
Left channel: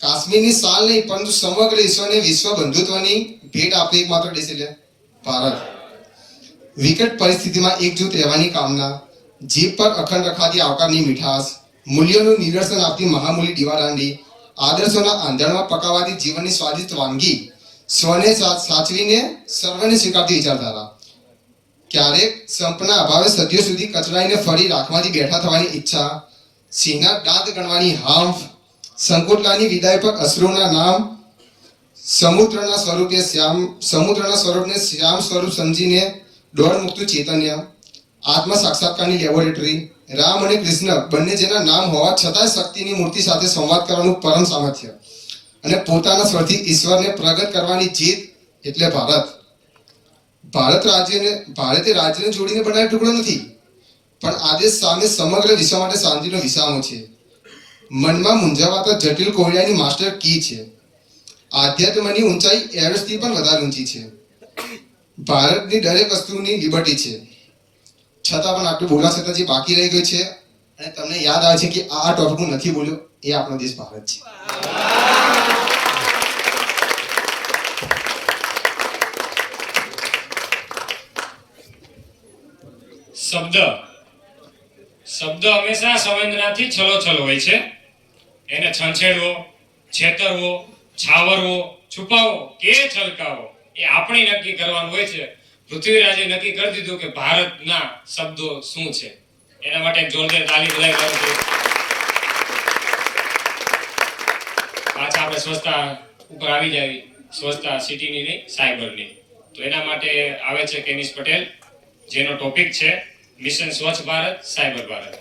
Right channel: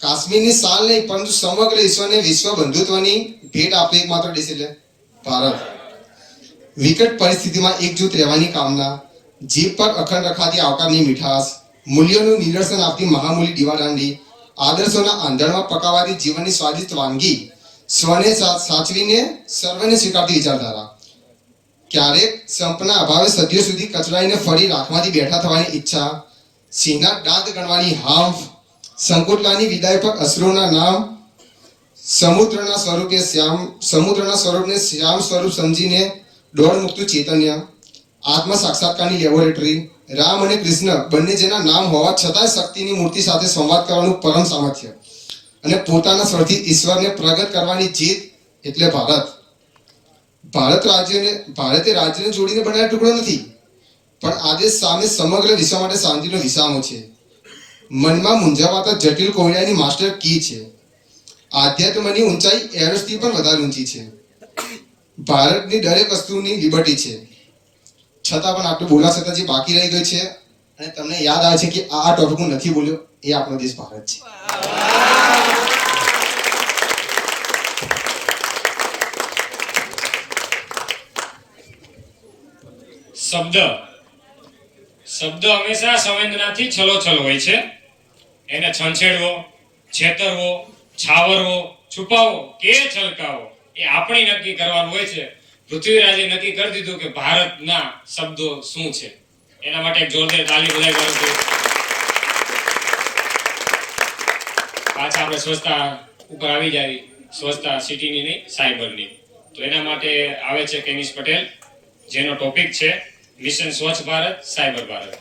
કાશ્મીરની સાલ નહીં, પરંતુ સમગ્ર વિશ્વને વિશ્વ બંધુત્વની ભેટ આપતો એકમાત્ર દેશ એટલે ભારત. વિકટ પરિસ્થિતિમાં એકજૂથ રહેવાની કામના, જીભ પર અખંડ રખાતી આવકારની મીઠાશ, મૂલ્યોનું નિદર્શન આપતી મહામૂલી દીવાદાંડી, આદર્શોના આંધણમાં પકાવાતી જીવનની સ્વાદિષ્ટ વાનગી, સ્વને સાચવીને સર્વને સ્વીકારતી વિચારધારા. ક્યારેક સંપના અભાવે સદીઓ સુધી કચડાઈને ફરી રાખમાંથી બેઠા થવાની ઈચ્છા, સિંહના દાંત ગણવાની હાંફ, સંકોટલાની વિદાય પર અશ્રુના નામ, સમુદ્રના સ્વરૂપને શ્યામ સ્વરૂપ સમજીને દોડ મુકતું ચૈતન્ય, આત્મ સાક્ષાત્કારની લેબોરેટરી, રામ અને કૃષ્ણ બંને જેના નામ હોવા છતાં શક્તિની મૂર્તિ સાથે સંવાદ કરવાનું પરમ સામર્થ્ય અને પોતાના સ્વરથી ઈશ્વરને પ્રગટ કરવાની જીત એટલે ભારત. ભારતે રાજ્યને જોડીને બનાવેલો ટુકડો નથી, પણ આદેશ સામે સમગ્ર વિશ્વ માટે શાંતિનો વિસામો છે. મનમાં મૂંઝાવાતા જટિલ કોયડાની માસ્ટર કી છે. આધ્યાત્મની ઊંચાઈ એવરેસ્ટથી પણ વધારે ઊંચી છે. ભારતની દરેક વસ્તુની લિબર્ટી છે. છતાં પણ આપણે બોલા છતાં જે બાકી રહી ગઈ છે અને તમને યાદ આવે છે કે આ ટોપિક હું નથી બોલ્યો, એ આપણો દેશ ભારત છે. શબ્દ હંમેશા સંવેદનાથી છલોછલ હોય છે. એને છંછેડવો, છેતરવો, છાવરવો, છુપાવવો કે છલકાવો એ આપણે નક્કી કરવાનું હોય છે. પૃથ્વીરાજે નક્કી કરી દીધું કે ભારતના શબ્દો શું છે. એના માટે એક જોરદાર તાલી બધાય કરો છો. પાછા આપણે સ્વચ્છતા ઉપર આવી જાય, સ્વચ્છતા સિટીની નહીં, સાયબરની. તો એના માટે આવે છે કેનિશ પટેલ, જેનો ટોપિક છે મિશન સ્વચ્છ ભારત, સાયબર ભારત.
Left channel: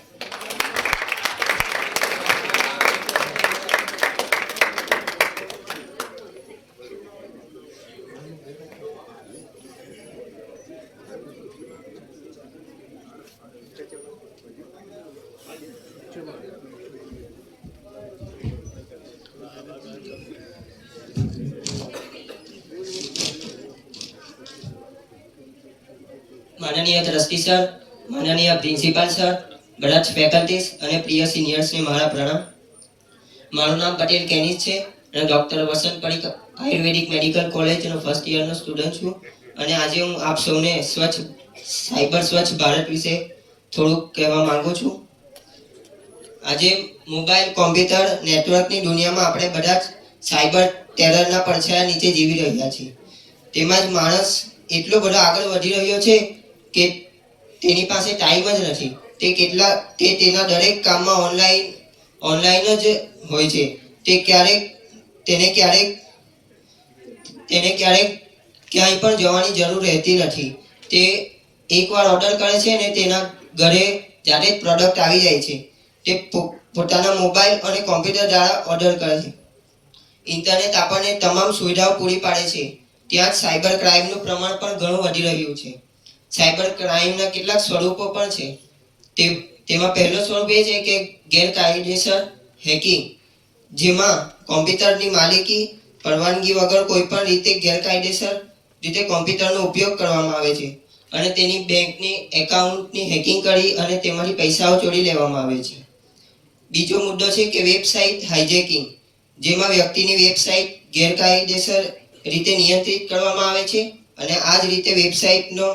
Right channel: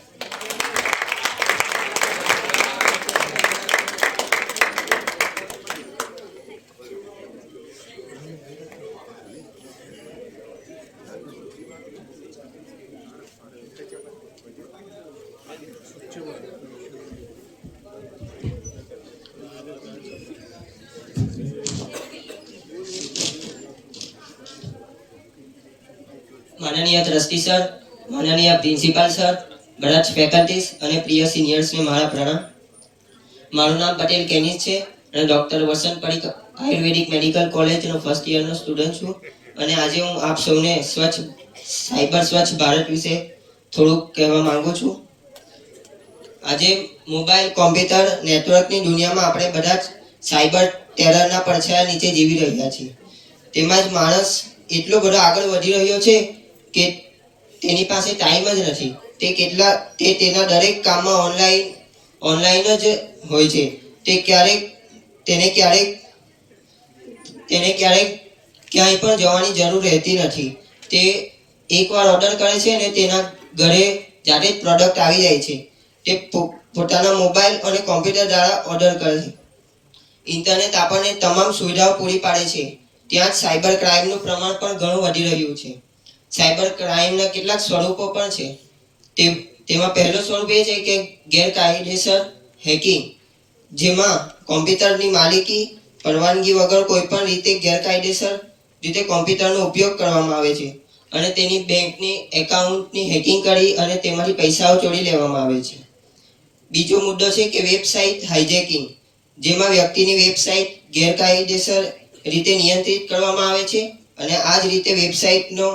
માનનીય ટ્રસ્ટી સર, માનનીય પ્રિન્સિપાલ સર, બધા જ ફેકલ્ટીઝ અને પ્રિય સિનિયર્સને મારા પ્રણામ. મારું નામ પટેલ કેનિસ છે અને ડૉક્ટર વસંત પરીખ આયુર્વેદિક મેડિકલ કોલેજનો ફર્સ્ટ યરનો સ્ટુડન્ટ છું. અને આજે હું આપ સૌને સાયબર સ્વચ્છ ભારત વિશે થોડુંક કહેવા માંગુ છું. આજે મોબાઈલ, કોમ્પ્યુટર, નેટવર્કની દુનિયામાં આપણે બધા જ સાયબર ટેરરના પડછાયા નીચે જીવી રહ્યા છીએ. તેમાં જ માણસ એટલો બધો આગળ વધી રહ્યો છે કે તેની પાસે ટાઈમ જ નથી. તે તેના દરેક કામમાં ઓનલાઈન જ હોય છે. તેને ક્યારેક ક્યાંય પણ જવાની જરૂર રહેતી નથી. તે એકવાર ઓર્ડર કરે છે અને તેના ઘરે જાતે જ પ્રોડક્ટ આવી જાય છે. તે પોતાના મોબાઈલ અને કોમ્પ્યુટર દ્વારા ઓર્ડર કરે છે. ઇન્ટરનેટ આપણને તમામ સુવિધાઓ પૂરી પાડે છે. ત્યાં જ સાયબર ક્રાઇમનું પ્રમાણ પણ ઘણું વધી રહ્યું છે. સાયબર ક્રાઇમના કેટલાક સ્વરૂપો પણ છે. તેમાં પહેલું સ્વરૂપ એ છે કે ગેરકાયદેસર હેકિંગ. જેમાં કોમ્પ્યુટરની માલિકી પરવાનગી વગર કોઈ પણ રીતે ગેરકાયદેસર રીતે કોમ્પ્યુટરનો ઉપયોગ કરવામાં આવે છે અને તેની બેંકની એકાઉન્ટની હેકિંગ કરી અને તેમાંથી પૈસાઓ ચોરી લેવામાં આવે છે. બીજો મુદ્દો છે કે વેબસાઇટ હાઇજેકિંગ, જેમાં વ્યક્તિની વેબસાઇટ ગેરકાયદેસર રીતે નિયંત્રિત કરવામાં આવે છે અને આ જ રીતે વેબસાઇટનો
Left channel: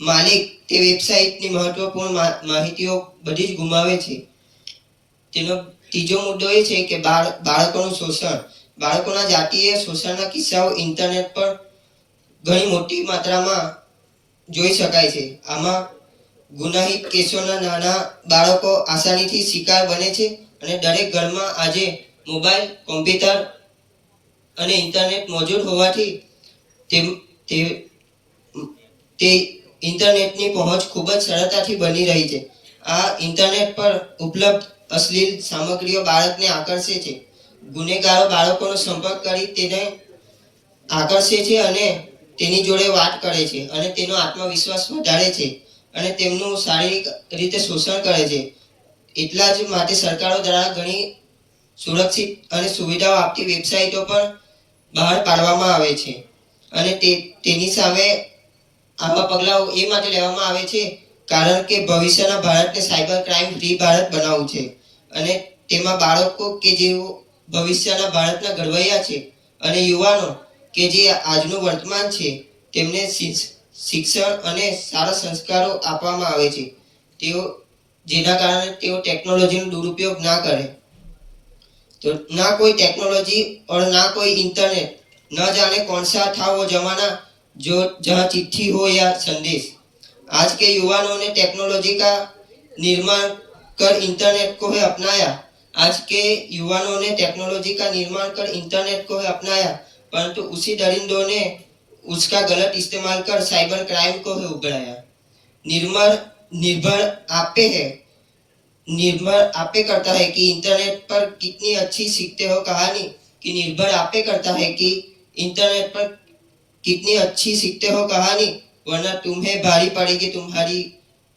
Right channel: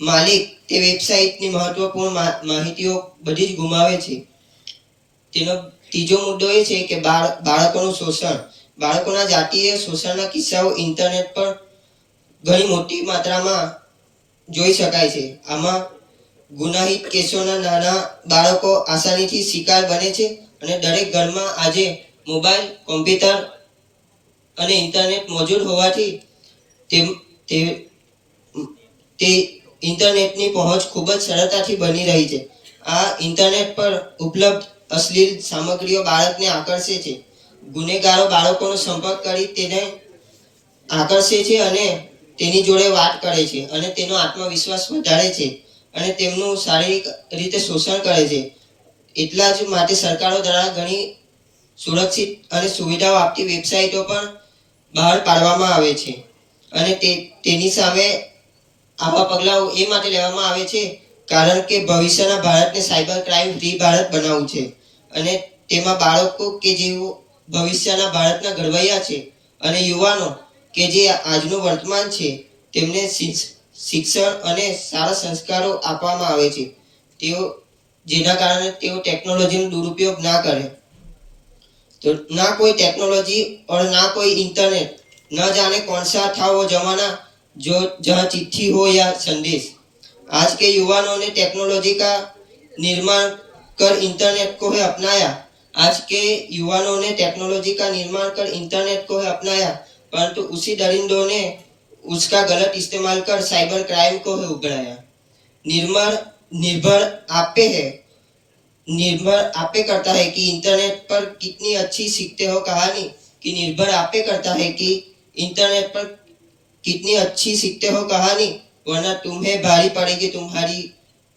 માલિક તે વેબસાઇટની મહત્વપૂર્ણ માહિતીઓ બધી જ ગુમાવે છે. તેનો ત્રીજો મુદ્દો એ છે કે બાળકોનું શોષણ. બાળકોના જાતીય શોષણના કિસ્સાઓ ઇન્ટરનેટ પર ઘણી મોટી માત્રામાં જોઈ શકાય છે. આમાં ગુનાહિત કેસોના નાના બાળકો આસાનીથી શિકાર બને છે અને દરેક ઘરમાં આજે મોબાઈલ, કોમ્પ્યુટર અને ઇન્ટરનેટ મોજૂદ હોવાથી તે ઇન્ટરનેટની પહોંચ ખૂબ જ સરળતાથી બની રહી છે. આ ઇન્ટરનેટ પર ઉપલબ્ધ અશ્લીલ સામગ્રીઓ બાળકને આકર્ષે છે. ગુનેગારો બાળકોનો સંપર્ક કરી તેને આકર્ષે છે અને તેની જોડે વાત કરે છે અને તેનો આત્મવિશ્વાસ વધારે છે અને તેમનું શારીરિક રીતે શોષણ કરે છે. એટલા જ માટે સરકારો દ્વારા ઘણી સુરક્ષિત અને સુવિધાઓ આપતી વેબસાઇટો પણ બહાર પાડવામાં આવે છે અને તેની સામે આવા પગલાઓ એ માટે લેવામાં આવે છે કારણ કે ભવિષ્યના ભારતને સાયબર ક્રાઇમ ફ્રી ભારત બનાવવું છે અને તેમાં બાળકો કે જેઓ ભવિષ્યના ભારતના ઘડવૈયા છે અને યુવાનો કે જે આજનું વર્તમાન છે તેમને શિક્ષણ અને સારા સંસ્કારો આપવામાં આવે છે, જેના કારણે તેઓ ટેકનોલોજીનો દુરુપયોગ ના કરે. तो ना कोई टेक्नोलॉजी और ना कोई इंटरनेट, न जाने कौन सा था वो जमाना जो जहाँ चिट्ठी हो या संदेश. आज के युवाओं ने टेक्नोलॉजी का निर्माण कर इंटरनेट को है अपनाया. आज के युवाओं ने टेक्नोलॉजी का निर्माण कर इंटरनेट को है अपनाया, परंतु उसी दरिंदों ने उसका गलत इस्तेमाल कर साइबर क्राइम को है उगड़ाया. निर्भर आप पे करता है कि इंटरनेट पर कितनी अच्छी सीखते हो कहानी, कि निर्भर आप पे करता है कि इंटरनेट पर कितनी अच्छी सीखते हो कहानी, वरना तुम्हें भारी पड़ेगी तुम्हारी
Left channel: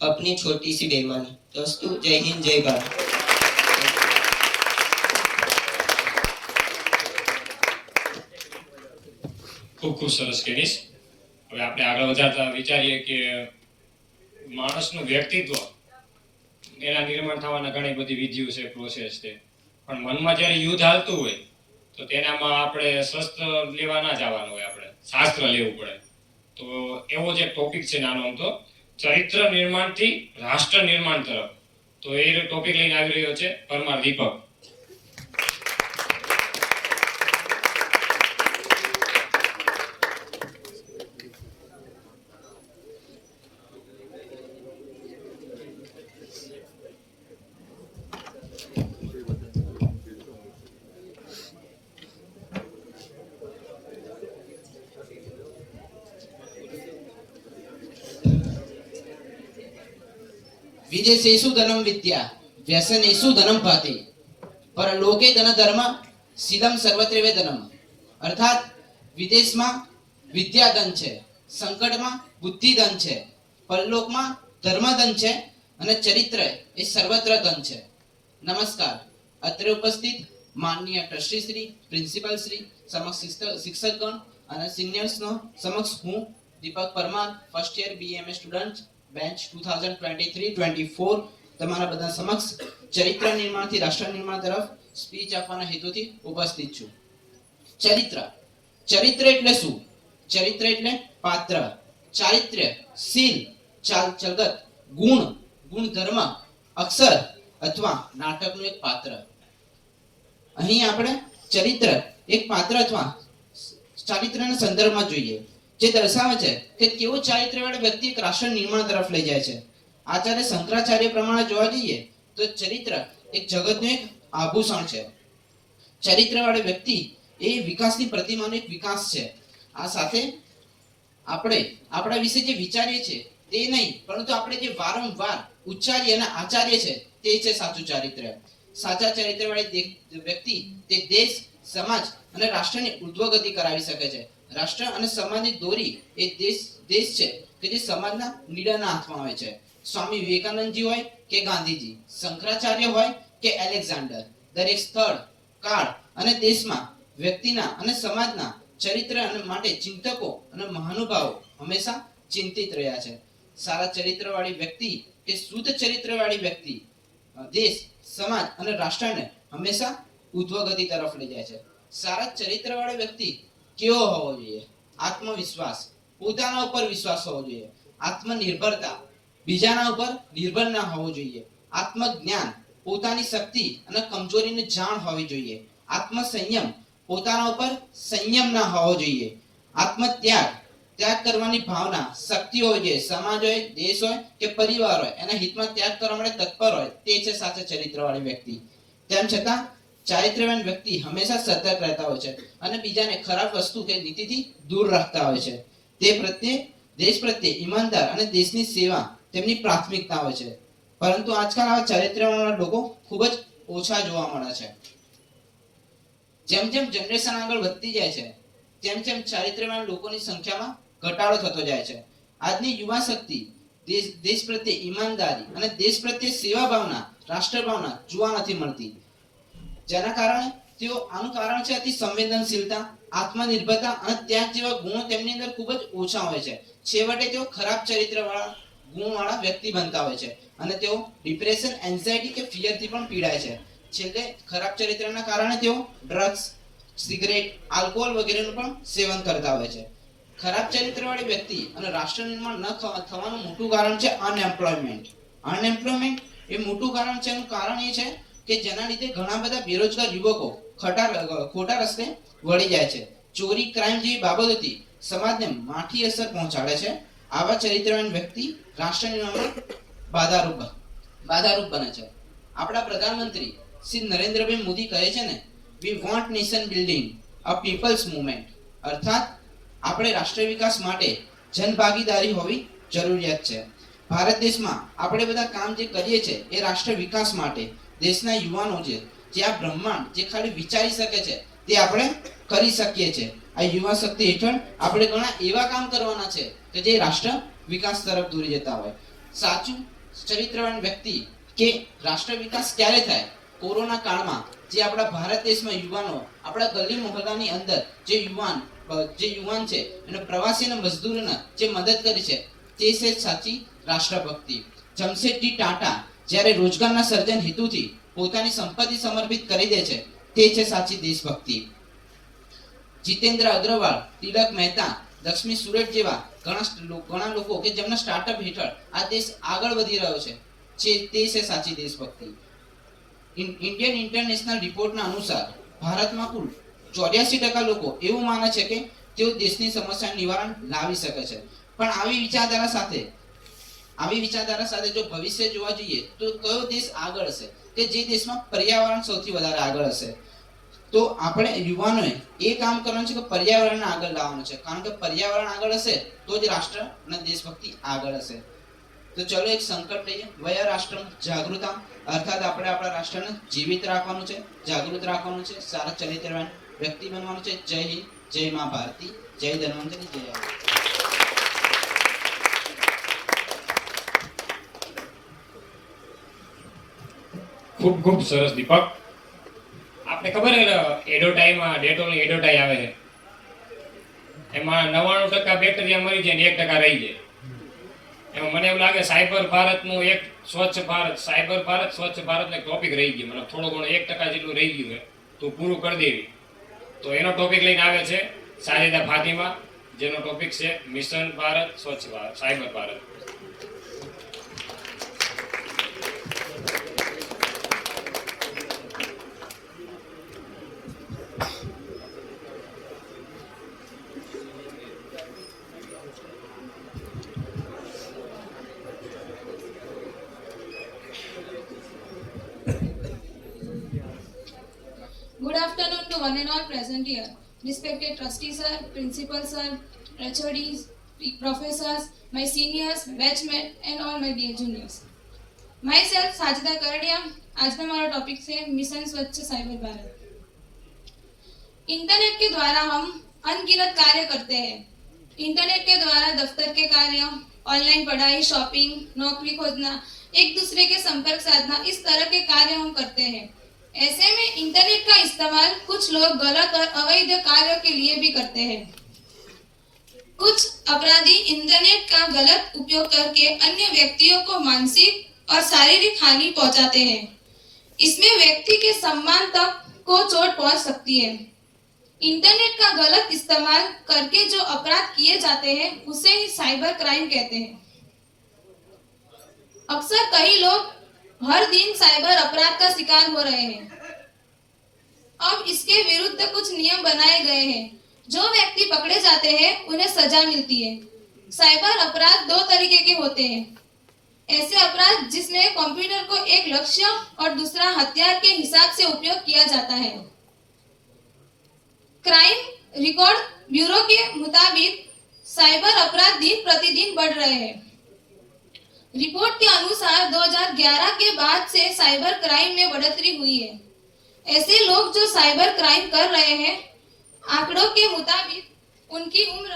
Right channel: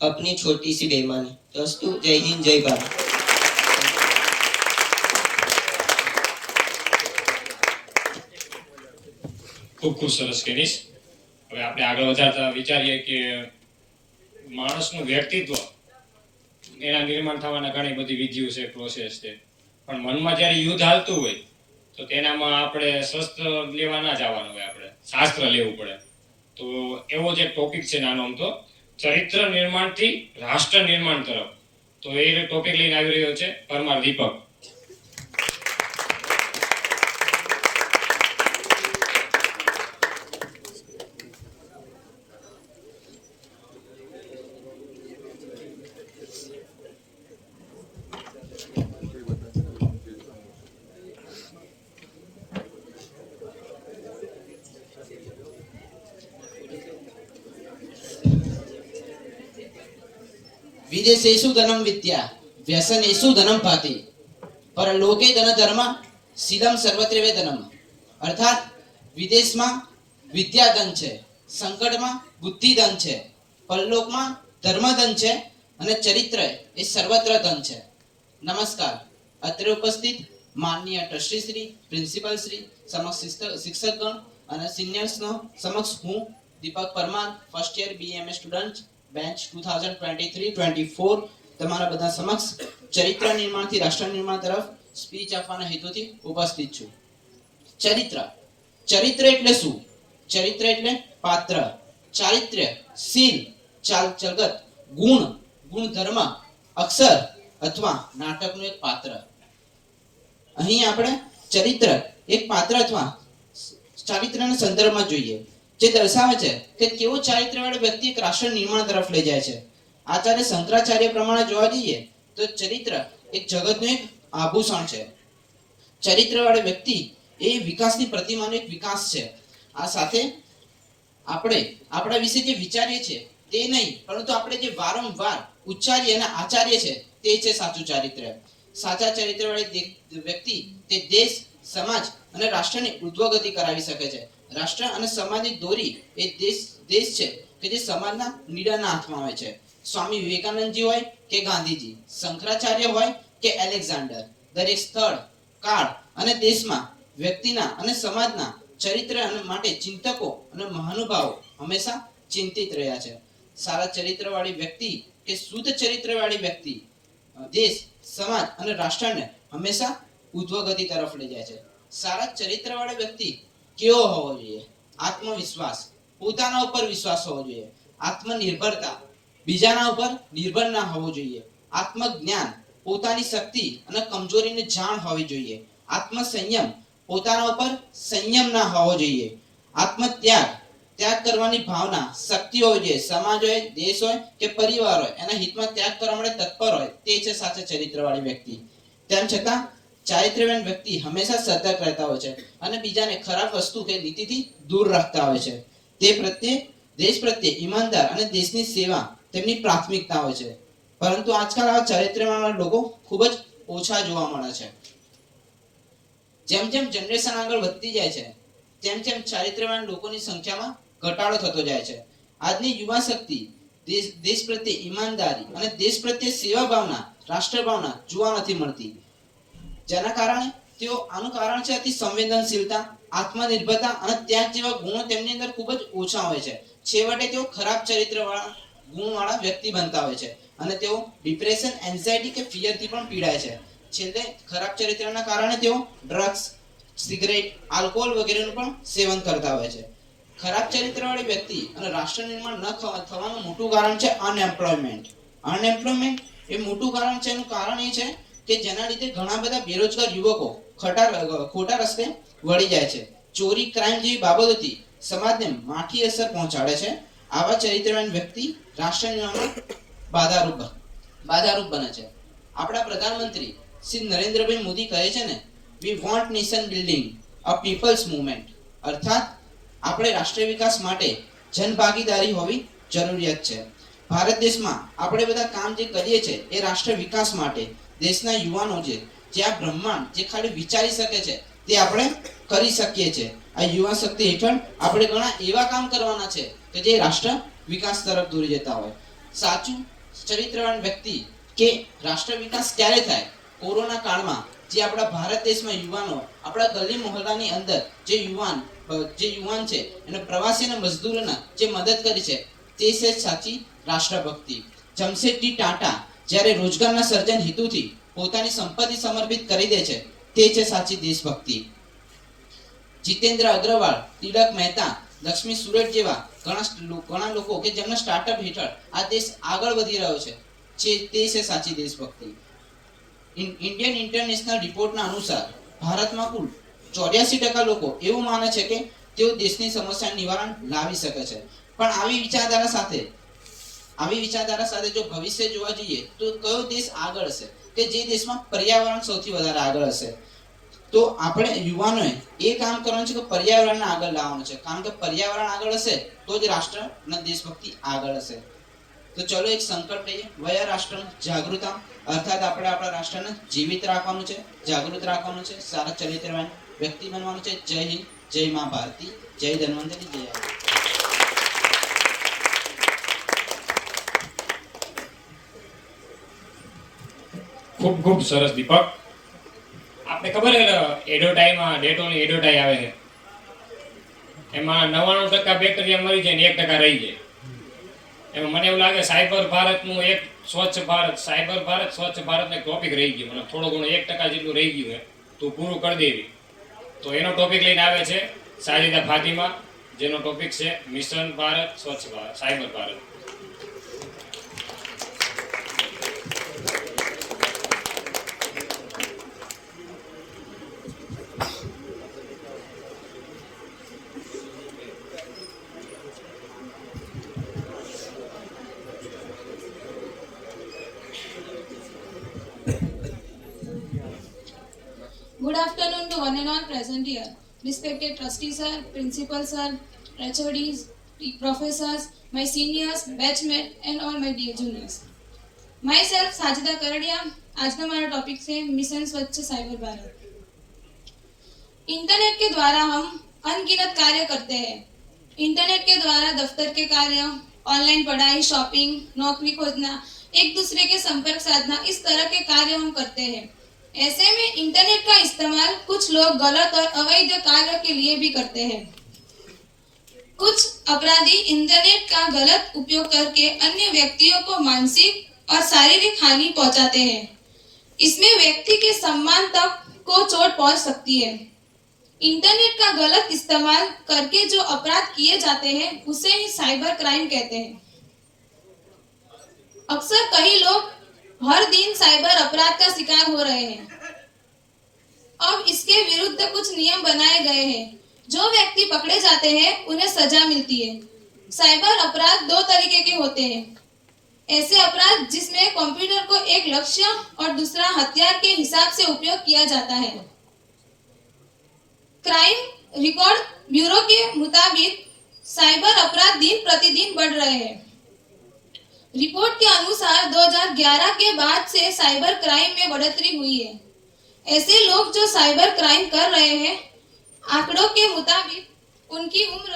अपनी छोटी सी बेईमानी. दोस्तों, जय हिंद, जय भारत. ખૂબ ખૂબ સરસ કેનીશ. હવે આપણે આગળ વધારતા વિચારીએ કે માણસનું વ્યક્તિત્વ એના નિર્માણ થવાના ઘણી બધી વિધિઓ છે, પ્રોસેસ છે, પણ મનમાં જ્યારે યુદ્ધ હાલતું હોય તો તેનામાં આપણે શસ્ત્ર લેવા ના જવાનું હોય, આપણે શાસ્ત્ર લેવું પડે. તો એવો જ એક ટોપિક છે નાનો અમથો, ચરિત્ર નિર્માણથી રાષ્ટ્ર નિર્માણ તરફ. તો એ ટોપિક લઈને આવી રહ્યો છે પરમાર દીપક. विदेशेषु धनम विद्या व्यसनेषु धनम भाति परलोके धन धर्म સીદમ સર્વત્ર ધનમ. અર્થાત વિદેશમાં વિદ્યા ધન છે, સંકટમાં બુદ્ધિ ધન છે, પરલોકમાં ધર્મ ધન છે અને ચરિત્ર એ સર્વત્ર ધન છે. નમસ્કાર. અત્રે ઉપસ્થિત માનનીય ટ્રસ્ટી શ્રી, પ્રિન્સિપલ શ્રી, સમક્ષ શિક્ષકગણ અને સિનિયર્સનો સમક્ષ હું Deepak Parmar, first year BMA student, bench 2023-24 તમારા બધા સમક્ષ ચરિત્ર નિર્માણથી રાષ્ટ્ર નિર્માણ તરફ સ્પીચ આપવાના હેતુથી ઉપસ્થિત છું. ચરિત્ર એટલે શું? ચરિત્ર એટલે પાત્ર, ચારિત્ર્ય, શીલ, ચાલ ચલગત, ગુણધર્મ, અક્ષર અથવા નાટકનું એક પાત્ર. અહીં આપણે ચરિત્ર એક પાત્ર અથવા ચારિત્રના સંદર્ભમાં જોઈએ, જે દર્શાવે છે કે કેવો ચારિત્રવાળો વ્યક્તિ એક રાષ્ટ્ર નિર્માણ તરફ લઈ જાય છે. આચાર્ય શંકરાચાર્ય પ્રમાણે જોવા જઈએ તો ચરિત્ર એક જગતનું એક આભૂષણ છે. ચરિત્રવાળો વ્યક્તિ એ વિકાસની પ્રતિમાનો એક વિકાસ છે. આ સાથે આપણે આપણા વિશે જે વિચારીએ છીએ તે નહીં, પરંતુ આપણે જે વારંવાર ઉચ્ચારીએ અને આચાર્ય છે તે છે સાચું ચારિત્ર. સાચા ચરિત્રવાળી વ્યક્તિ તે દેશ, સમાજ અને રાષ્ટ્રની ઉર્ધ્વગતિ કરાવી શકે છે. રાષ્ટ્ર અને સમાજની દોરી એ દેશ છે કે જે સમાજના લીડાના હાથમાં હોય છે. સ્વામી વિવેકાનંદજી હોય કે ગાંધીજી, શંકરાચાર્ય હોય કે એલેક્ઝાન્ડર, દરેક સ્થળ, કાળ અને દેશમાં વ્યક્તિના અને સમાજના ચરિત્ર માટે ચિંતકો અને મહાનુભાવો હંમેશા ચિંતિત રહ્યા છે. સારા ચરિત્રવાળી વ્યક્તિ કે શુદ્ધ ચરિત્રવાળી વ્યક્તિ દેશ, સમાજ અને રાષ્ટ્રને હંમેશા ઉધ્વગતિ તરફ લઈ જાય છે. સારા ચરિત્રવાળો વ્યક્તિ કેવો હોવો જોઈએ? આત્મવિશ્વાસ, પોતાના ઉપર વિશ્વાસ હોવો જોઈએ. આત્મનિર્ભરતા, બીજાના ઉપર નિર્ભર ના હોવું જોઈએ. આત્મજ્ઞાન, પોતાની શક્તિ અને કમજોરીને જાણ હોવી જોઈએ. આત્મસંયમ, પોતાના ઉપર સંયમ ના હોવો જોઈએ. આત્મત્યાગ, ત્યાગ કરવાની ભાવના, શક્તિ હોવી જોઈએ. સમાજ હોય, દેશ હોય કે પરિવાર હોય, એના હિતમાં ત્યાગ કરવા માટે તત્પર હોય, તે છે સાચા ચરિત્રવાળી વ્યક્તિ. તેમ છતાં ચારિત્ર્યવાન વ્યક્તિ હંમેશા સતર્ક રહેતા હોય છે અને બીજાને ખરાબ વસ્તુ કે નીતિથી દૂર રાખતા હોય છે. તે પ્રત્યે, દેશ પ્રત્યે ઈમાનદાર અને દેશની સેવા તેમની પ્રાથમિકતા હોય છે. પરંતુ આજકાલ આવા ચારિત્ર્યવાન લોકો ખૂબ જ ઓછા જોવા મળે છે. જેમ જેમ જનરેશન આગળ વધતી જાય છે, તેમ તેમ ચારિત્ર્યવાન લોકોની સંખ્યામાં ઘટાડો થતો જાય છે. આજની યુવા શક્તિ દેશ પ્રત્યે ઈમાનદારી અને દેશ પ્રત્યે સેવા ભાવના, રાષ્ટ્ર ભાવના જોવા નથી મળતી. જેના કારણે આનું કારણ છે અતિ સંવેદનશીલતા, આત્મનિર્ભરતા અને ત્યાગ જેવા ગુણો તેમની અંદર ખૂબ જ ઓછા હોય છે. છેવટે તેઓ ખરાબ ચરિત્રવાળા ગુણવાળા વ્યક્તિ બનતા હોય છે અને તેઓ ડિપ્રેશન, એન્ઝાયટી કે ફિયરથી પણ પીડાય છે. છેલ્લે ખરાબ ચરિત્રના કારણે તેઓ ડ્રગ્સ, સિગરેટ, આલ્કોહોલ વગેરેનું પણ સેવન કરતા હોય છે. ખરાબ ચરિત્રવાળી વ્યક્તિ અને રાષ્ટ્ર નિર્માણ ન થવાનું મોટું કારણ છે અનએમ્પ્લોયમેન્ટ. અનએમ્પ્લોયમેન્ટ એ મોટું કારણ છે. એનું કારણ એ છે કે જેના લીધે ઘણા બધા બેરોજગાર યુવકો ખોટા રસ્તે વળી જાય છે. ચોરી, ક્રાઇમ જેવી બાબતોથી સમાજને માઠી અસર પહોંચાડે છે. આવા ચરિત્રવાન વ્યક્તિ રાષ્ટ્ર નિર્માણમાં બાધારૂપ બને છે. આપણા પ્રધાનમંત્રી શ્રી નરેન્દ્રભાઈ મોદી કહે છે ને, we want nation building a people's movement. અર્થાત આપણે રાષ્ટ્ર વિકાસ માટે જનભાગીદારી હોવી જરૂરિયાત છે. ભારત દેશમાં આપણે બધા કામ જે કરીએ છીએ એ રાષ્ટ્ર વિકાસ માટે. દેશના યુવાનો જે આ બ્રહ્માંડ જે ખાલી વિચારી શકે છે તે આપણે કરી શકીએ છીએ. આ યુવા શક્તિ હેઠળ આપણે ઘણા એવા કામ કરવાના છે કે જે રાષ્ટ્ર વિકાસ તરફ દોરી જતા હોય. સાચું ચરિત્રવાન વ્યક્તિ કે રાષ્ટ્ર વિકાસ ક્યારે થાય? કોરોના કાળમાં જે આપણા ભારત દેશમાં યુવાનો, આપણા ગલી મોહલ્લાની અંદર જે યુવાન છે એને પ્રવાસી અને મજદૂરોના જે મદદ કરી છે તે છે સાચી રાષ્ટ્રભક્તિ. જમશેદજી ટાટા જ્યારે રોજગારના સર્જન હેતુથી પોતાની સંપત્તિ સમર્પિત કરી દે છે તે છે સાચી દેશભક્તિ. જીતેન્દ્ર અગ્રવાલ, તિલક મહેતા, લક્ષ્મી સુરત જેવા ઘણા લોકો કે જેમના સ્ટાર્ટઅપ હેઠળ આ દેશ આગળ વધી રહ્યો છે તે છે સાચી દેશભક્તિ. ઇન્ડિયન ઇન્ટરનેશનલ રિપોર્ટના અનુસાર ભારતમાં કુલ 84% લોકો એવું માને છે કે તેઓ દેશની સમસ્યાનું નિવારણ લાવી શકે છે. પણ આવી વિચારધારા સાથે જો ભવિષ્ય જોવા જઈએ તો કયો દેશ આગળ હશે કે જે દેશમાં પર્યાવરણ સૌથી વધારે આગળ હશે? તો આપણે યુવાનોએ એ કામ કરવાનું છે કે પર્યાવરણને આગળ લાવવાનું છે. કારણ કે પર્યાવરણ આગળ હશે તો જ રાષ્ટ્ર અને દેશભક્તિ આગળ હશે. તો ચલો એક સંકલ્પ લઈએ, વયા રાષ્ટ્ર જાગૃતમ. અર્થાત આપણે આપણા રાષ્ટ્રને જીવિત રાખવાનું છે, જાગૃત રાખવાનું છે, સારા ચરિત્રવાન વ્યક્તિ બનવાનું છે. જય હિન્દ, જય મા ભારતી, જય ધન્વંતરી, જય આદિ. ખૂબ ખૂબ સરસ દીપક. આપણે ખબર છે એડોટાઈમાં ડેટોલની એડોટાઈ આવે છે, એમાં 99% બેક્ટેરિયા મરી જાય ને 1% રહી જાય. એમાં મને એવું લાગે સાયબર ભારતનું એક સ્વચ્છ ભારત ને ટોપિક રહી ગયો. મને થોડું ઘણું 1% જેટલું રહી ગયું છે, તું પૂરું કરી દેવી. તો એનો ટોપિક લઈને આવે છે સાજિદા ફાતિમા, જેનો ટોપિક છે મિશન ભારત, સ્વચ્છ Bharat, cyber Bharat. Good afternoon to one and all present here. Respected trustee sir, principal sir, HODs, professors, my seniors, batchmates and all my dear juniors. Myself Sajida Karadia. आज का हमारा टॉपिक है मिशन स्वच्छ साइबर भारत. इंटरनेट के द्वारा हम अनगिनत कार्य करते हैं. इंटरनेट के द्वारा दफ्तर के कार्य, ऑनलाइन पढ़ाई, शॉपिंग, नौकरी खोजना, एक दूसरे के संपर्क साधना, इस तरह के कार्य हम करते हैं. ऐसे में इंटरनेट का इस्तेमाल कुछ लोग गलत और अवैध कार्यों के लिए भी करते हैं। कुछ अपराधी इंटरनेट का गलत उपयोग करके अन्य व्यक्तियों को मानसिक और शारीरिक हानि पहुंचाते हैं। इसमें व्यक्ति के सम्मान तक को चोट पहुंच सकती है। इंटरनेट का गलत इस्तेमाल करके जो अपराध किए जाते हैं उसे ही साइबर क्राइम कहते हैं। अक्सर कई लोग हर दिन साइबर अपराध का शिकार हो रहे हैं। अब इसके विरुद्ध कुछ नियम बनाए गए हैं। जो व्यक्ति पकड़े जाते हैं उन्हें सजा मिलती है। साइबर अपराध दो तरीके के होते हैं। ऐसे अपराध जिसमें कंप्यूटर को एक लक्ष्य और दूसरा हथियार के हिसाब से उपयोग किया जाता है। क्राइम रिकॉर्ड ब्यूरो के मुताबिक साइबर अपराध दिन प्रतिदिन बढ़ रहे हैं। रिपोर्ट के अनुसार 2011 के बाद से साइबर क्राइम में बढ़ोतरी हुई है। ऐसे लोग जो साइबर क्राइम कर रहे हैं, आंकड़ों के मुताबिक उनकी उम्र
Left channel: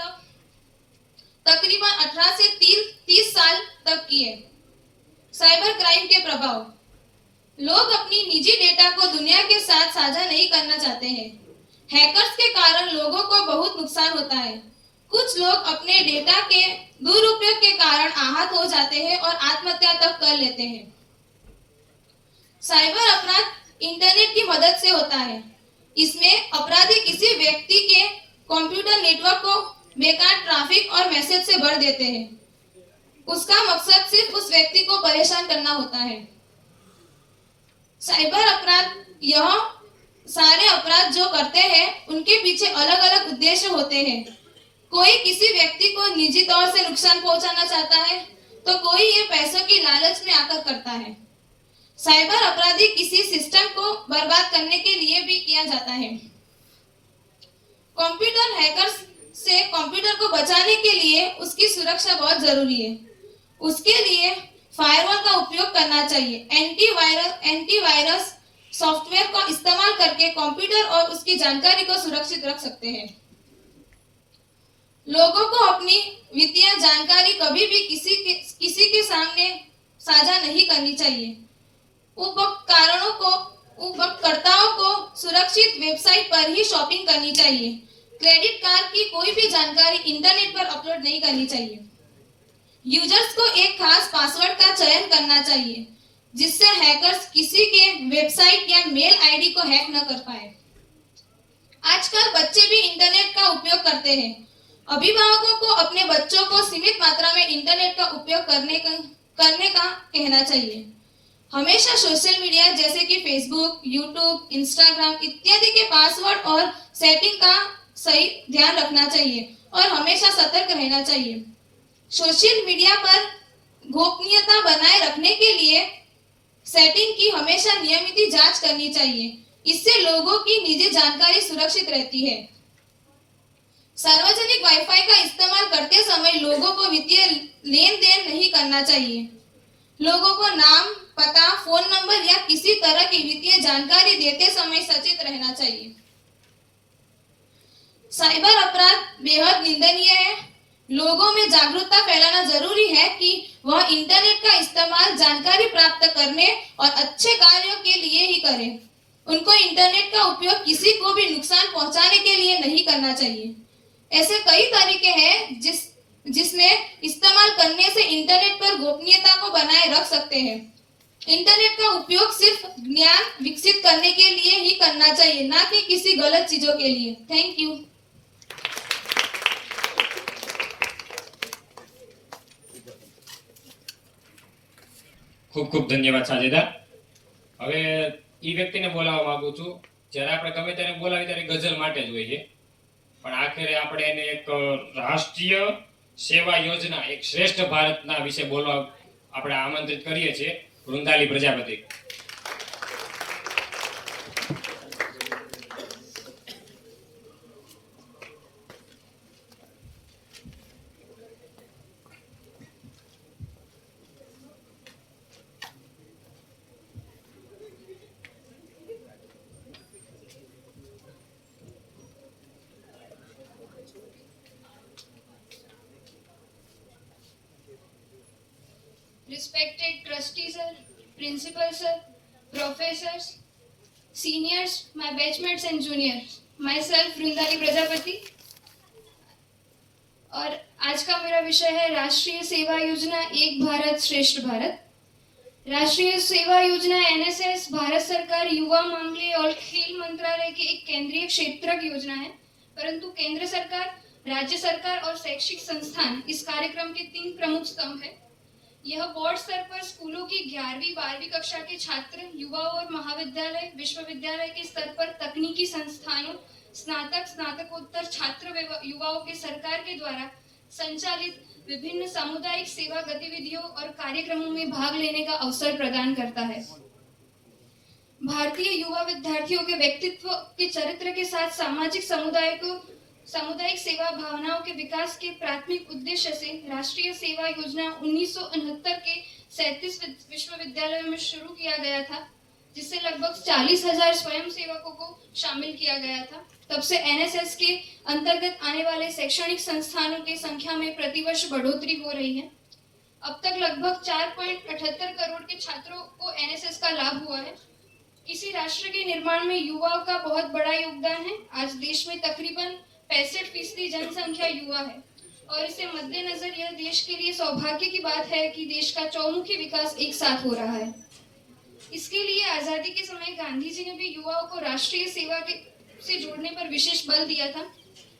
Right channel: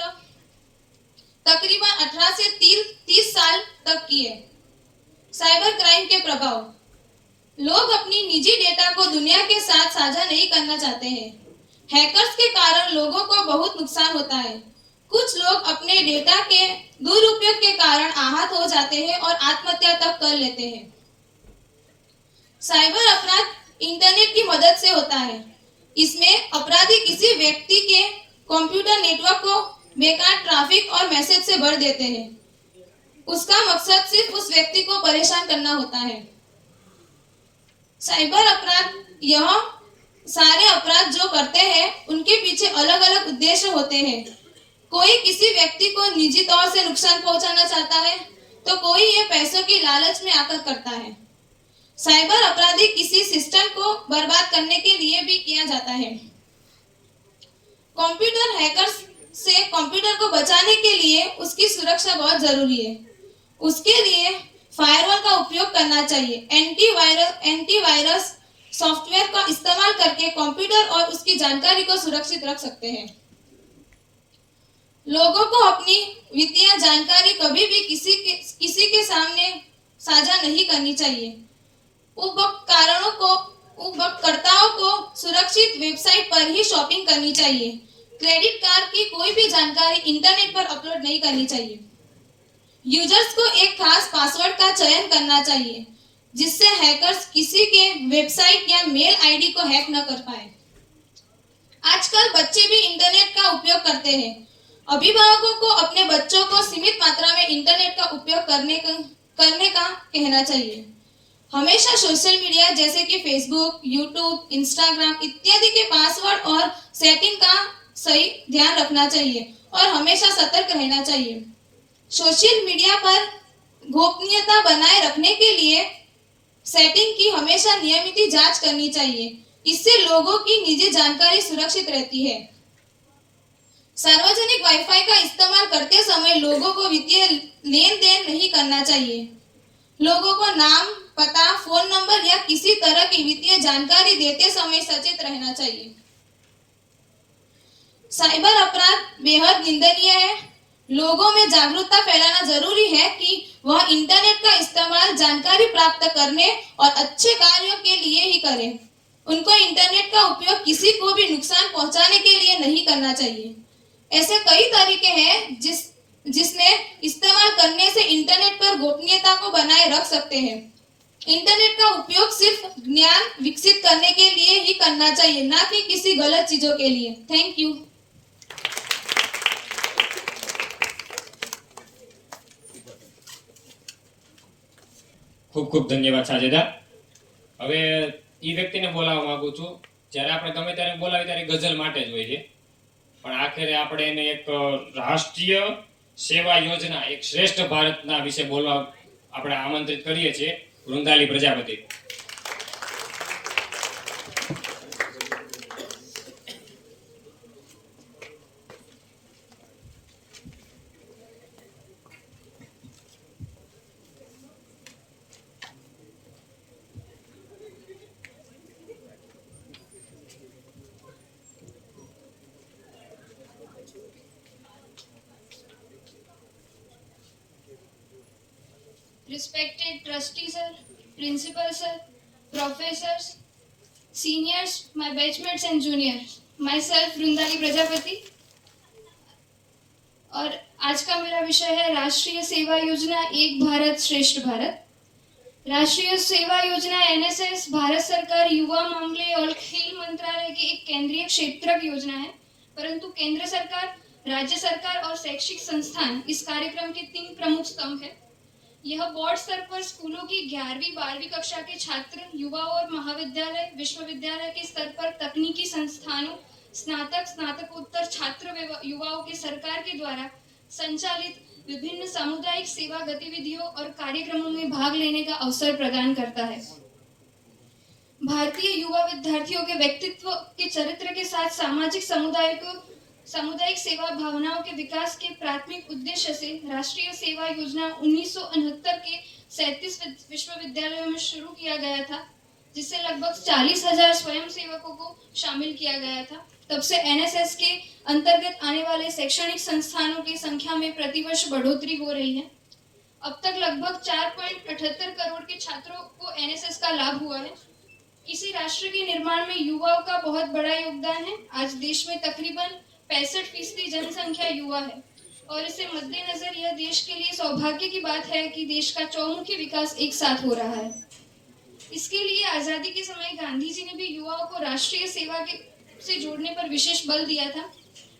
तकरीबन 18 से 30 साल तक की है। साइबर क्राइम के प्रभाव। लोग अपनी निजी डेटा को दुनिया के साथ साझा नहीं करना चाहते हैं। हैकर्स के कारण लोगों को बहुत नुकसान होता है। कुछ लोग अपने डेटा के दुरुपयोग के कारण आहत हो जाते हैं और आत्महत्या तक कर लेते हैं। साइबर अपराध इंटरनेट की मदद से होता है। इसमें अपराधी किसी व्यक्ति के कंप्यूटर नेटवर्क को बेकार ट्रैफिक और मैसेज से भर देते हैं। उसका मकसद सिर्फ उस व्यक्ति को परेशान करना होता है। साइबर अपराध यह सारे अपराध जो करते हैं उनके पीछे अलग अलग उद्देश्य होते हैं। कोई किसी व्यक्ति को निजी तौर से नुकसान पहुंचाना चाहता है तो कोई ये पैसों की लालच में आकर करता है। साइबर अपराधी किसी सिस्टम को बर्बाद करने के लिए भी किया जाता है। कंप्यूटर हैकर्स से कंप्यूटर को बचाने के लिए उसकी सुरक्षा बहुत जरूरी है। उसके लिए फायरवॉल का उपयोग करना चाहिए। एंटीवायरस सॉफ्टवेयर का इस्तेमाल करके कंप्यूटर और उसकी जानकारी को सुरक्षित रख सकते हैं। लोगों को अपनी वित्तीय जानकारी कभी भी किसी के सामने साझा नहीं करनी चाहिए। उपयोगकर्ताओं को सुरक्षित वेबसाइट पर ही शॉपिंग करनी चाहिए। क्रेडिट कार्ड की कोई भी जानकारी इंटरनेट पर अपलोड नहीं करनी चाहिए। यूजर्स को एक खास पासवर्ड का चयन करना चाहिए जिससे हैकर्स किसी के वेबसाइट या मेल आईडी को हैक न कर पाए। आजकल बच्चे भी इंटरनेट का उपयोग करते हैं। अभिभावकों को अपने बच्चों को सीमित मात्रा में इंटरनेट का उपयोग करने का कहना चाहिए। हमेशा सोशल मीडिया जैसे कि फेसबुक, यूट्यूब, इंस्टाग्राम इत्यादि के पासवर्ड और सेटिंग का सही ध्यान रखना चाहिए और हमेशा सतर्क रहना चाहिए। सोशल मीडिया पर गोपनीयता बनाए रखने के लिए सेटिंग की हमेशा नियमित जांच करनी चाहिए। इससे लोगों की निजी जानकारी सुरक्षित रहती है। सार्वजनिक वाईफाई का इस्तेमाल करते समय लोगों को वित्तीय लेन देन नहीं करना चाहिए। लोगों को नाम, पता, फोन नंबर या किसी तरह की वित्तीय जानकारी देते समय सचेत रहना चाहिए। साइबर अपराध बेहद निंदनीय है। लोगों में जागरूकता फैलाना जरूरी है कि वह इंटरनेट का इस्तेमाल जानकारी प्राप्त करने और अच्छे कार्यों के लिए ही करें। उनको इंटरनेट का उपयोग किसी को भी नुकसान पहुंचाने के लिए नहीं करना चाहिए। ऐसे कई तरीके हैं जिसमें इस्तेमाल करने से इंटरनेट पर गोपनीयता को बनाए रख सकते हैं। इंटरनेट का उपयोग सिर्फ ज्ञान विकसित करने के लिए ही करना चाहिए, ना कि किसी गलत चीजों के लिए। Thank you. ખૂબ ખૂબ ધન્યવાદ સાજેદા. હવે એ વ્યક્તિને બોલાવવા માંગુ છું જ્યારે આપણે ગમે ત્યારે બોલાવીએ ત્યારે ગઝલ માટે જ હોય છે, પણ આખરે આપણે એને એક રાષ્ટ્રીય સેવા યોજના, એક શ્રેષ્ઠ ભારતના વિશે બોલવા આપણે આમંત્રિત કરીએ છીએ વૃંદાલી Prajapati. Respected trustee sir, principal sir, professors, seniors, my batchmates and juniors, myself वृंदाली Prajapati. और आज का मेरा विषय है राष्ट्रीय सेवा योजना एक भारत श्रेष्ठ भारत। राष्ट्रीय सेवा योजना एनएसएस भारत सरकार युवा मामले और खेल मंत्रालय की एक केंद्रीय क्षेत्रक योजना है, परंतु केंद्र सरकार, राज्य सरकार और शैक्षिक संस्थान इस कार्यक्रम के 3 प्रमुख स्तंभ हैं। यह बोर्ड स्तर पर स्कूलों की 11वीं 12वीं कक्षा के छात्र, युवा और महाविद्यालय, विश्वविद्यालय के स्तर पर तकनीकी संस्थानों, स्नातक, स्नातकोत्तर छात्र युवाओं के सरकार के द्वारा संचालित विभिन्न सामुदायिक सेवा गतिविधियों और कार्यक्रमों में भाग लेने का अवसर प्रदान करता है। भारतीय युवा विद्यार्थियों के व्यक्तित्व के चरित्र के साथ सामुदायिक सेवा भावनाओं के विकास के प्राथमिक उद्देश्य से राष्ट्रीय सेवा योजना 1969 के 37 विश्वविद्यालयों में शुरू किया गया था, जिससे लगभग 40,000 स्वयंसेवकों को शामिल किया गया था। तब से एनएसएस के अंतर्गत आने वाले शैक्षणिक संस्थानों की संख्या में प्रतिवर्ष बढ़ोतरी हो रही है। अब तक लगभग 4.78 करोड़ के छात्रों को एनएसएस का लाभ हुआ है। किसी राष्ट्र के निर्माण में युवाओं का बहुत बड़ा योगदान है। आज देश में तकरीबन 65% जनसंख्या युवा है और इसे मद्देनजर यह देश के लिए सौभाग्य की बात है कि देश का चौमुखी विकास एक साथ हो रहा है। इसके लिए आजादी के समय गांधी जी ने भी युवाओं को राष्ट्रीय सेवा से जोड़ने पर विशेष बल दिया था।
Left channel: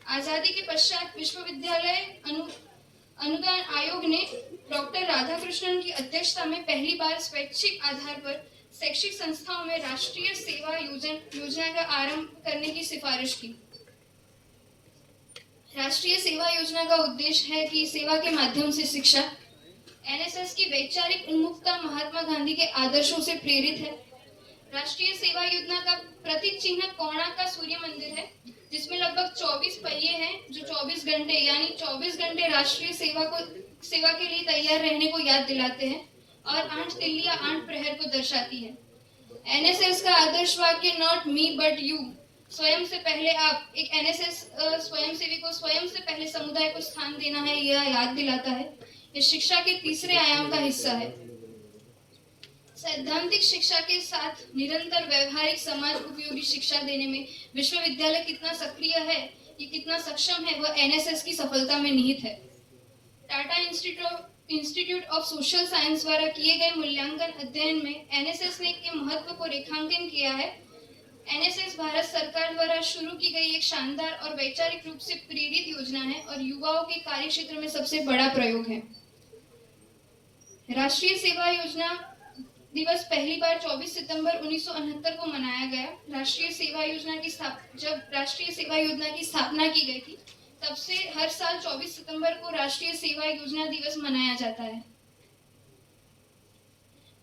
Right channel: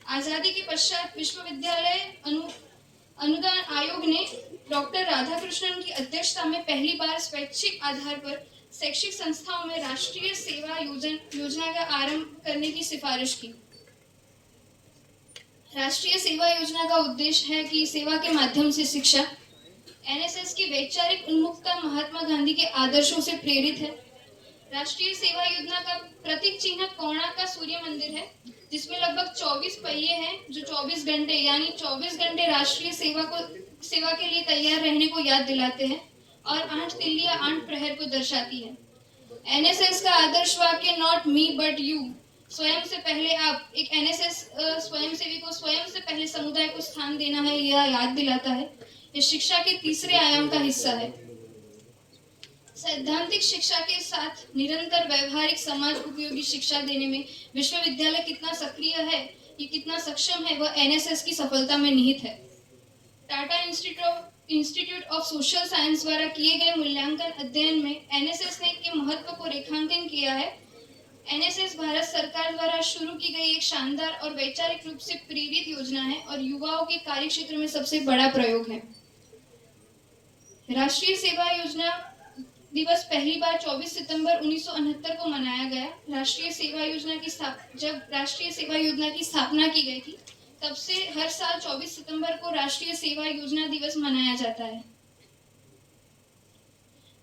आजादी के पश्चात विश्वविद्यालय अनुदान आयोग ने डॉक्टर राधाकृष्णन की अध्यक्षता में पहली बार स्वैच्छिक आधार पर शैक्षिक संस्थाओं में राष्ट्रीय सेवा योजना का आरंभ करने की सिफारिश की। राष्ट्रीय सेवा योजना का उद्देश्य है कि सेवा के माध्यम से शिक्षा। एनएसएस की वैचारिक उन्मुखता महात्मा गांधी के आदर्शों से प्रेरित है। राष्ट्रीय सेवा योजना का प्रतीक चिन्ह कोणार्क का सूर्य मंदिर है, जिसमें लगभग 24 पहिए हैं जो 24 घंटे यानी 24 घंटे राष्ट्रीय सेवा के लिए तैयार रहने को याद दिलाते हैं और 8 तिल्लियां 8 प्रहर को दर्शाती है। एनएसएस का आदर्श वाक्य नॉट मी बट यू, स्वयं से पहले आप, एक एनएसएस स्वयंसेवी को स्वयं से पहले समुदाय को स्थान देना है, यह याद दिलाता है। यह शिक्षा के तीसरे आयाम का हिस्सा है। सैद्धांतिक शिक्षा के साथ निरंतर व्यवहारिक समाज उपयोगी शिक्षा देने में विश्वविद्यालय कितना सक्रिय है, ये कितना सक्षम है, वह एनएसएस की सफलता में निहित है। Tata institute of social science द्वारा किए गए मूल्यांकन अध्ययन में एनएसएस ने के महत्व को रेखांकन किया है। एनएसएस भारत सरकार द्वारा शुरू की गई एक शानदार और वैचारिक रूप से प्रेरित योजना है और युवाओं के कार्य क्षेत्र में सबसे बड़ा प्रयोग है। राष्ट्रीय सेवा योजना दिवस पहली बार 24 सितंबर 1969 को मनाया गया। जब राष्ट्रीय सेवा योजना की स्थापना की गई थी, तब से हर साल 24 सितंबर को राष्ट्रीय सेवा योजना दिवस मनाया जाता है।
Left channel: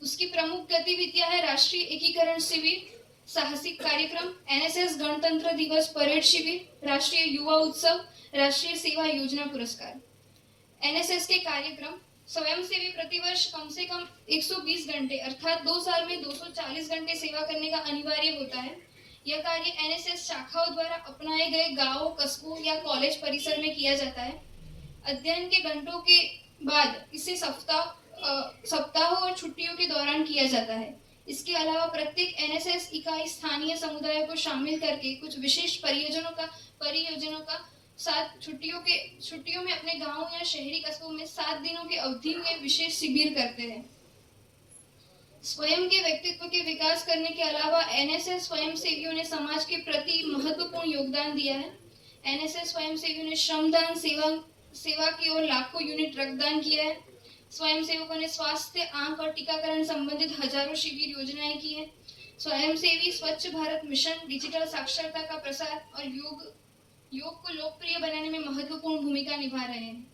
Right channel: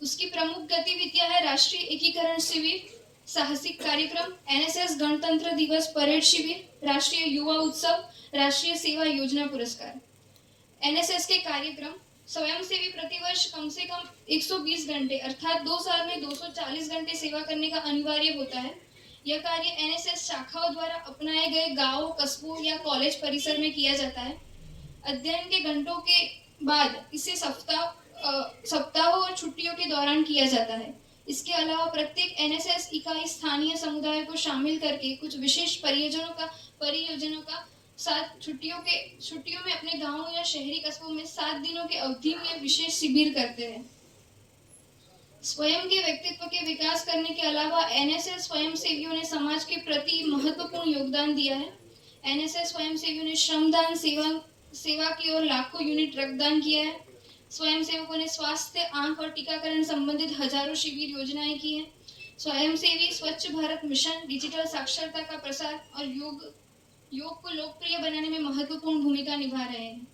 उसकी प्रमुख गतिविधियां है राष्ट्रीय एकीकरण शिविर, साहसिक कार्यक्रम, एनएसएस गणतंत्र दिवस परेड शिविर, राष्ट्रीय युवा उत्सव, राष्ट्रीय सेवा योजना पुरस्कार। एनएसएस के कार्यक्रम: स्वयंसेवी प्रतिवर्ष कम से कम 120 घंटे अर्थात 2 साल में 240 घंटे सेवा करने का अनिवार्य होता है। यह कार्य एनएसएस शाखाओं द्वारा अपनाए गए गांवों, कस्बों या कॉलेज परिसर में किया जाता है। अध्ययन के घंटों के बाद इसे सप्ताहों और छुट्टियों के दौरान किया जाता है। इसके अलावा प्रत्येक एनएसएस इकाई स्थानीय समुदाय को शामिल करके कुछ विशेष परियोजनाओं का साथ छुट्टियों में अपने गांवों या शहरी कस्बों में 7 दिनों की अवधि में विशेष शिविर करते हैं। स्वयं के व्यक्तित्व के विकास करने के अलावा एनएसएस स्वयंसेवियों ने समाज के प्रति महत्वपूर्ण योगदान दिया है। एनएसएस स्वयंसेवियों ने श्रमदान, सेवा की ओर लाखों यूनिट रक्तदान किया है। स्वयंसेवकों ने स्वास्थ्य, आंख और टीकाकरण संबंधित हजारों शिविर योजनाएं की हैं। स्वयंसेवी स्वच्छ भारत मिशन, डिजिटल साक्षरता का प्रसार और योग को लोकप्रिय बनाने में महत्वपूर्ण भूमिका निभा रहे हैं।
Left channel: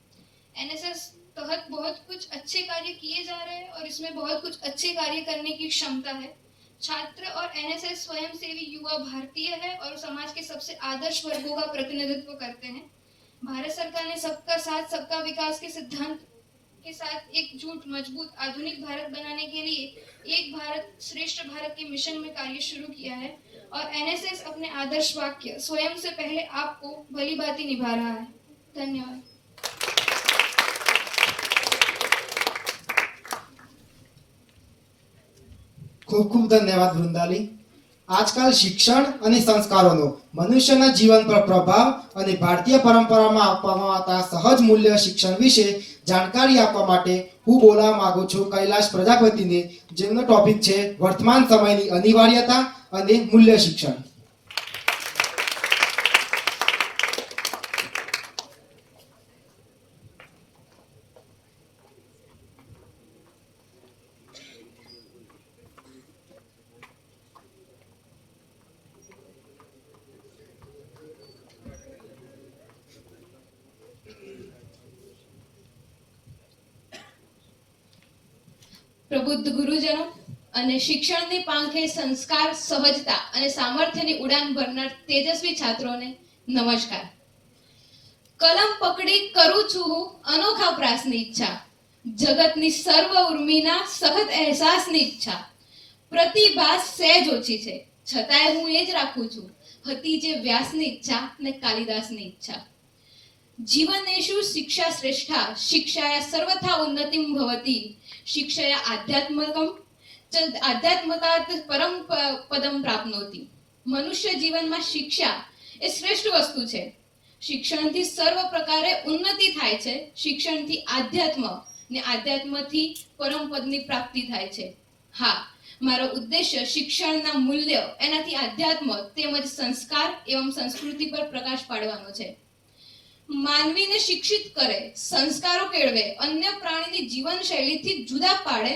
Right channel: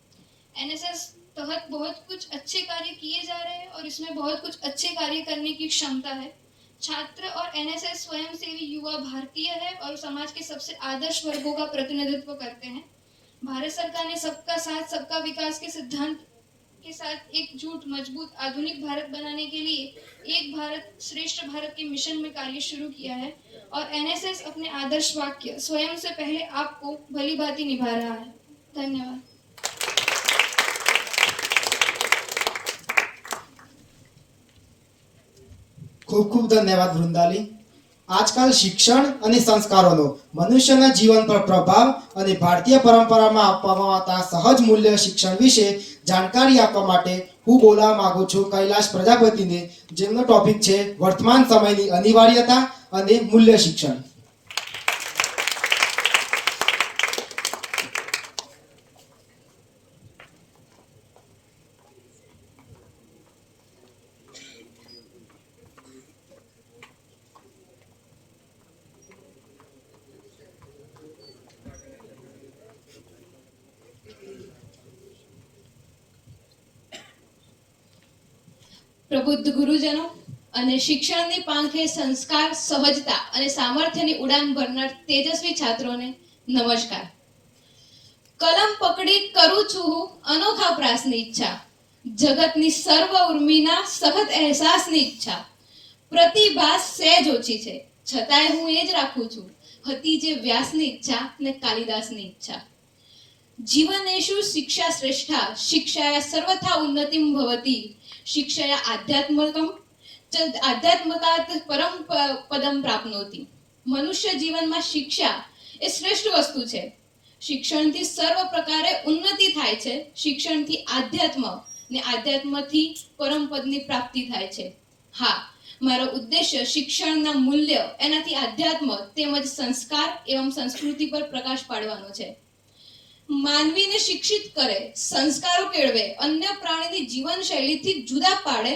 एनएसएस तहत बहुत कुछ अच्छे कार्य किए जा रहे हैं और इसमें बहुत कुछ अच्छे कार्य करने की क्षमता है। छात्र और एनएसएस स्वयंसेवी युवा भारतीय है और समाज के सबसे आदर्श वर्गों का प्रतिनिधित्व करते हैं। भारत सरकार ने सबका साथ सबका विकास के सिद्धांत के साथ एकजुट, मजबूत, आधुनिक भारत बनाने के लिए एक भारत श्रेष्ठ भारत के मिशन में कार्य शुरू किया है और एनएसएस अपने आदर्श वाक्य स्वयं से पहले आपको भली भांति निभा रहा है। धन्यवाद। खूब खूब धन्यवाद वृंदाली। આજકાલ શિક્ષણ અને સંસ્કારોનો મનુષ્યના જીવન પર પ્રભાવ અને ભારતીય પરંપરામાં આપવામાં આવતા સહજ મૂલ્ય શિક્ષણ વિશે જાણકારી આપવા માટે હું બોલાવવા માંગુ છું કૈલાશ પ્રજાપતિને, જેમનો ટોપિક છે વર્તમાન સમયની અનિવાર્યતા અને મૂલ્ય શિક્ષણ. પ્રબુદ્ધ ગુરુજનો અને શિક્ષણની પાંખે સંસ્કાર, સહજતા અને સામર્થ્યની ઉડાન ભરનાર તેજસ્વી છાત્રોને નમસ્કાર. કલમ પકડી કરું છું હું અનોખા પ્રાસની ઈચ્છા, જગતની સર્વ ઉર્મિના સહજ અહેસાસની ઈચ્છા. પ્રતિભા સહેજ ઓછી છે છતાંય હું એ જ રાખું છું, હતી જે વ્યાસની ઈચ્છા ને કાલિદાસની ઈચ્છા. જીવનેષુ શિક્ષા શ્રેષ્ઠા શિક્ષાયા સર્વથા ઉન્નતિમ ભવતી શિક્ષયા આધ્યાત્મકાત પરમ પદમ પ્રાપ્નોતિ. મનુષ્ય જીવનમાં શિક્ષા એ શ્રેષ્ઠ વસ્તુ છે. શિક્ષણથી સર્વ પ્રકારે ઉન્નતિ થાય છે. શિક્ષણથી આધ્યાત્મ ને આધ્યાત્મથી પરમ પદની પ્રાપ્તિ થાય છે. હા, મારો ઉદ્દેશ્ય શિક્ષણના મૂલ્ય, એનાથી આધ્યાત્મ તેમજ સંસ્કાર એવં સંસ્કૃતિ પર પ્રકાશ પાડવાનો છે. માનવીને શિક્ષિત કરે, સંસ્કારો કેળવે, અન્ય પ્રાણીની જીવનશૈલીથી જુદા પાડે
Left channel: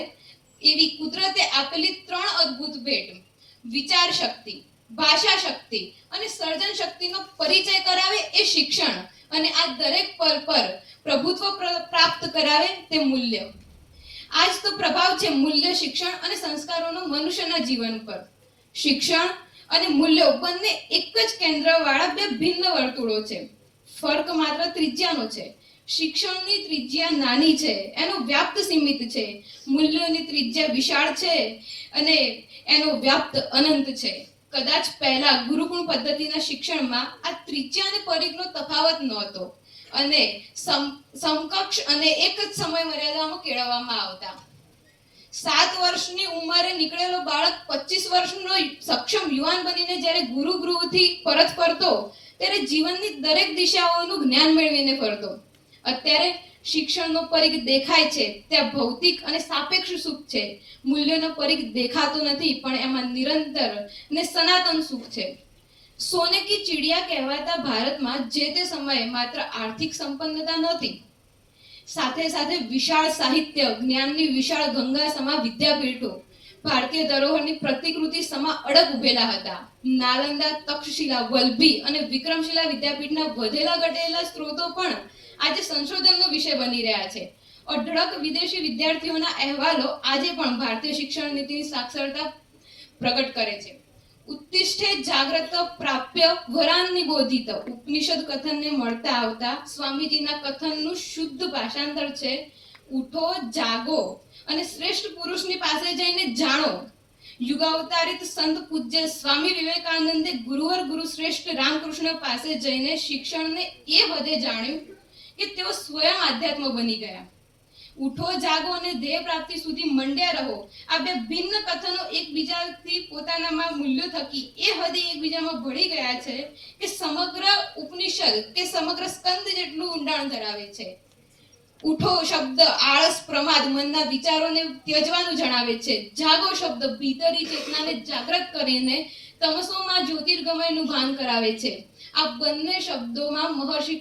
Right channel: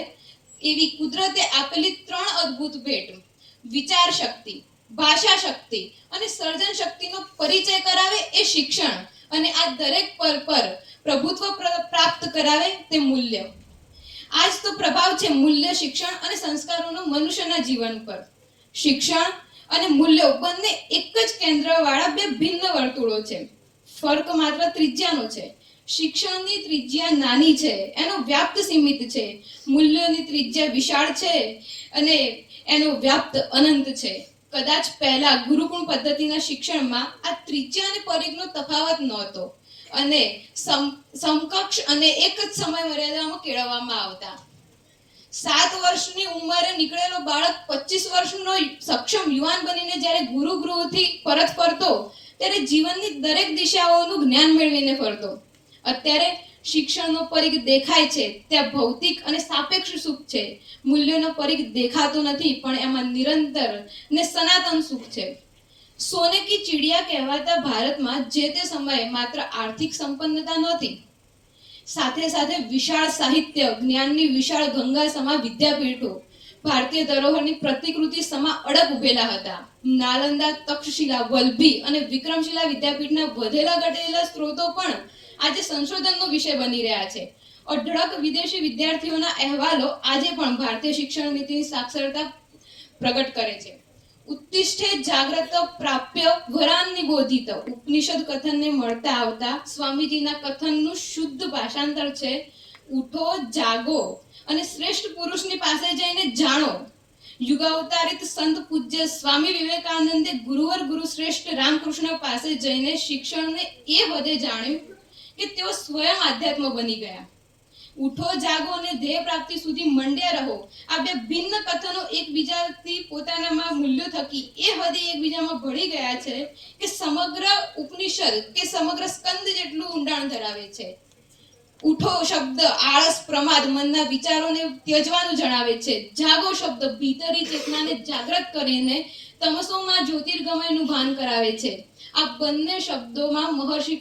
એવી કુદરતે આપેલી 3 અદ્ભુત ભેટ, વિચાર શક્તિ, ભાષા શક્તિ અને સર્જન શક્તિનો પરિચય કરાવે એ શિક્ષણ, અને આ દરેક પર પ્રભુત્વ પ્રાપ્ત કરાવે તે મૂલ્ય. આજ તો પ્રભાવ છે મૂલ્ય શિક્ષણ અને સંસ્કારોનો મનુષ્યના જીવન પર. શિક્ષણ અને મૂલ્યો બંને એક જ કેન્દ્રવાળા બે ભિન્ન વર્તુળો છે. ફરક માત્ર ત્રિજ્યાનો છે. શિક્ષણની ત્રિજ્યા નાની છે, એનો વ્યાપ્ત સીમિત છે. મૂલ્યોની ત્રિજ્યા વિશાળ છે અને એનો વ્યાપ્ત અનંત છે. કદાચ પહેલા ગુરુકુળ પદ્ધતિના શિક્ષણમાં આ ત્રિજ્યા અને પરિઘનો તફાવત નહોતો અને સમકક્ષ અને એક જ સમય મર્યાદામાં કેળવવામાં આવતા. 7 વર્ષની ઉંમરે નીકળેલો બાળક 25 વર્ષનો સક્ષમ યુવાન બનીને જ્યારે ગુરુગૃહથી પરત ફરતો ત્યારે જીવનની દરેક દિશાઓનું જ્ઞાન મેળવીને ફરતો. અત્યારે શિક્ષણનો પરિઘ દેખાય છે ત્યાં ભૌતિક અને સાપેક્ષ સુખ છે. મૂલ્યોનો પરિઘ દેખાતો નથી, પણ એમાં નિરંતર ને સનાતન સુખ છે. સોને કી ચિડિયા કહેવાતા ભારતમાં જે તે સમયે માત્ર આર્થિક સંપન્નતા નહોતી, સાથે સાથે વિશાળ સાહિત્ય, જ્ઞાનની વિશાળ ગંગા સમા વિદ્યાપીઠો, ભારતીય ધરોહરની પ્રતિકૃતિ સમા અડગ ઉભેલા હતા. નાલંદા, તક્ષશિલા, વલ્લભી અને વિક્રમશિલા વિદ્યાપીઠના વધેલા ઘટેલા સ્ત્રોતો પણ આજે સંશોધનનો વિષય બની રહ્યા છે. અઢળક વિદેશી વિદ્યાર્થીઓના અહેવાલો આજે પણ ભારતીય શિક્ષણ નીતિની સાક્ષરતા પ્રગટ કરે છે. ઉત્તિષ્ઠે જાગ્રત પ્રાપ્ય વરાન નિબોધિત ઉપનિષદ કથનને મળતા આવતા સ્વામીજીના કથનનું શુદ્ધ ભાષાંતર છે, ઉઠો, જાગો અને શ્રેષ્ઠ પુરુષની પાસે જઈને જાણો. યુગાવતારિત સંત પૂજ્ય સ્વામી વિવેકાનંદે ગુરુવર ગુરુ શ્રેષ્ઠ રામકૃષ્ણ પાસે જઈને શિક્ષણને એ હદે જાણ્યું કે તેઓ સ્વયં આધ્યાત્મ બની ગયા. ઉઠો, જાગો અને ધ્યેય પ્રાપ્તિ સુધી મંડ્યા રહો. આ બે ભિન્ન કથનો એકબીજાથી પોતાનામાં મૂલ્યો થકી એ હદે એકબીજામાં ભળી ગયા છે કે સમગ્ર ઉપનિષદ કે સમગ્ર સ્કંદ જેટલું ઊંડાણ ધરાવે છે. ઉઠો શબ્દ આળસ, પ્રમાદ, મનના વિચારોને ત્યજવાનું જણાવે છે. જાગો શબ્દ ભીતરી ચેતનાને જાગૃત કરીને તમસોમાં જ્યોતિર્ગમયનું ભાન કરાવે છે. આ બંને શબ્દોમાં મહર્ષિ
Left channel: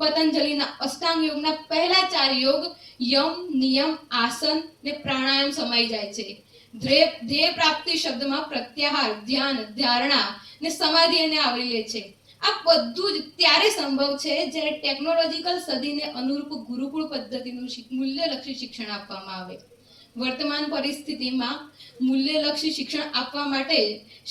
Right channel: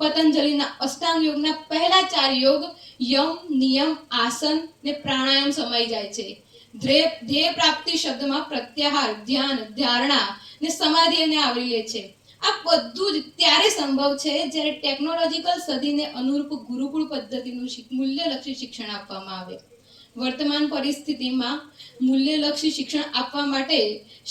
પતંજલિના અષ્ટાંગ યોગના પહેલા 4 યોગ યમ, નિયમ, આસન ને પ્રાણાયામ સમાઈ જાય છે. ધ્યેય પ્રાપ્તિ શબ્દમાં પ્રત્યાહાર, ધ્યાન, ધારણા ને સમાધિ એને આવરી લે છે. આ બધું જ ત્યારે સંભવ છે જ્યારે ટેકનોલોજીકલ સદીને અનુરૂપ ગુરુકુળ પદ્ધતિનું મૂલ્યલક્ષી શિક્ષણ આપવામાં આવે. વર્તમાન પરિસ્થિતિમાં મૂલ્યલક્ષી શિક્ષણ આપવા માટે,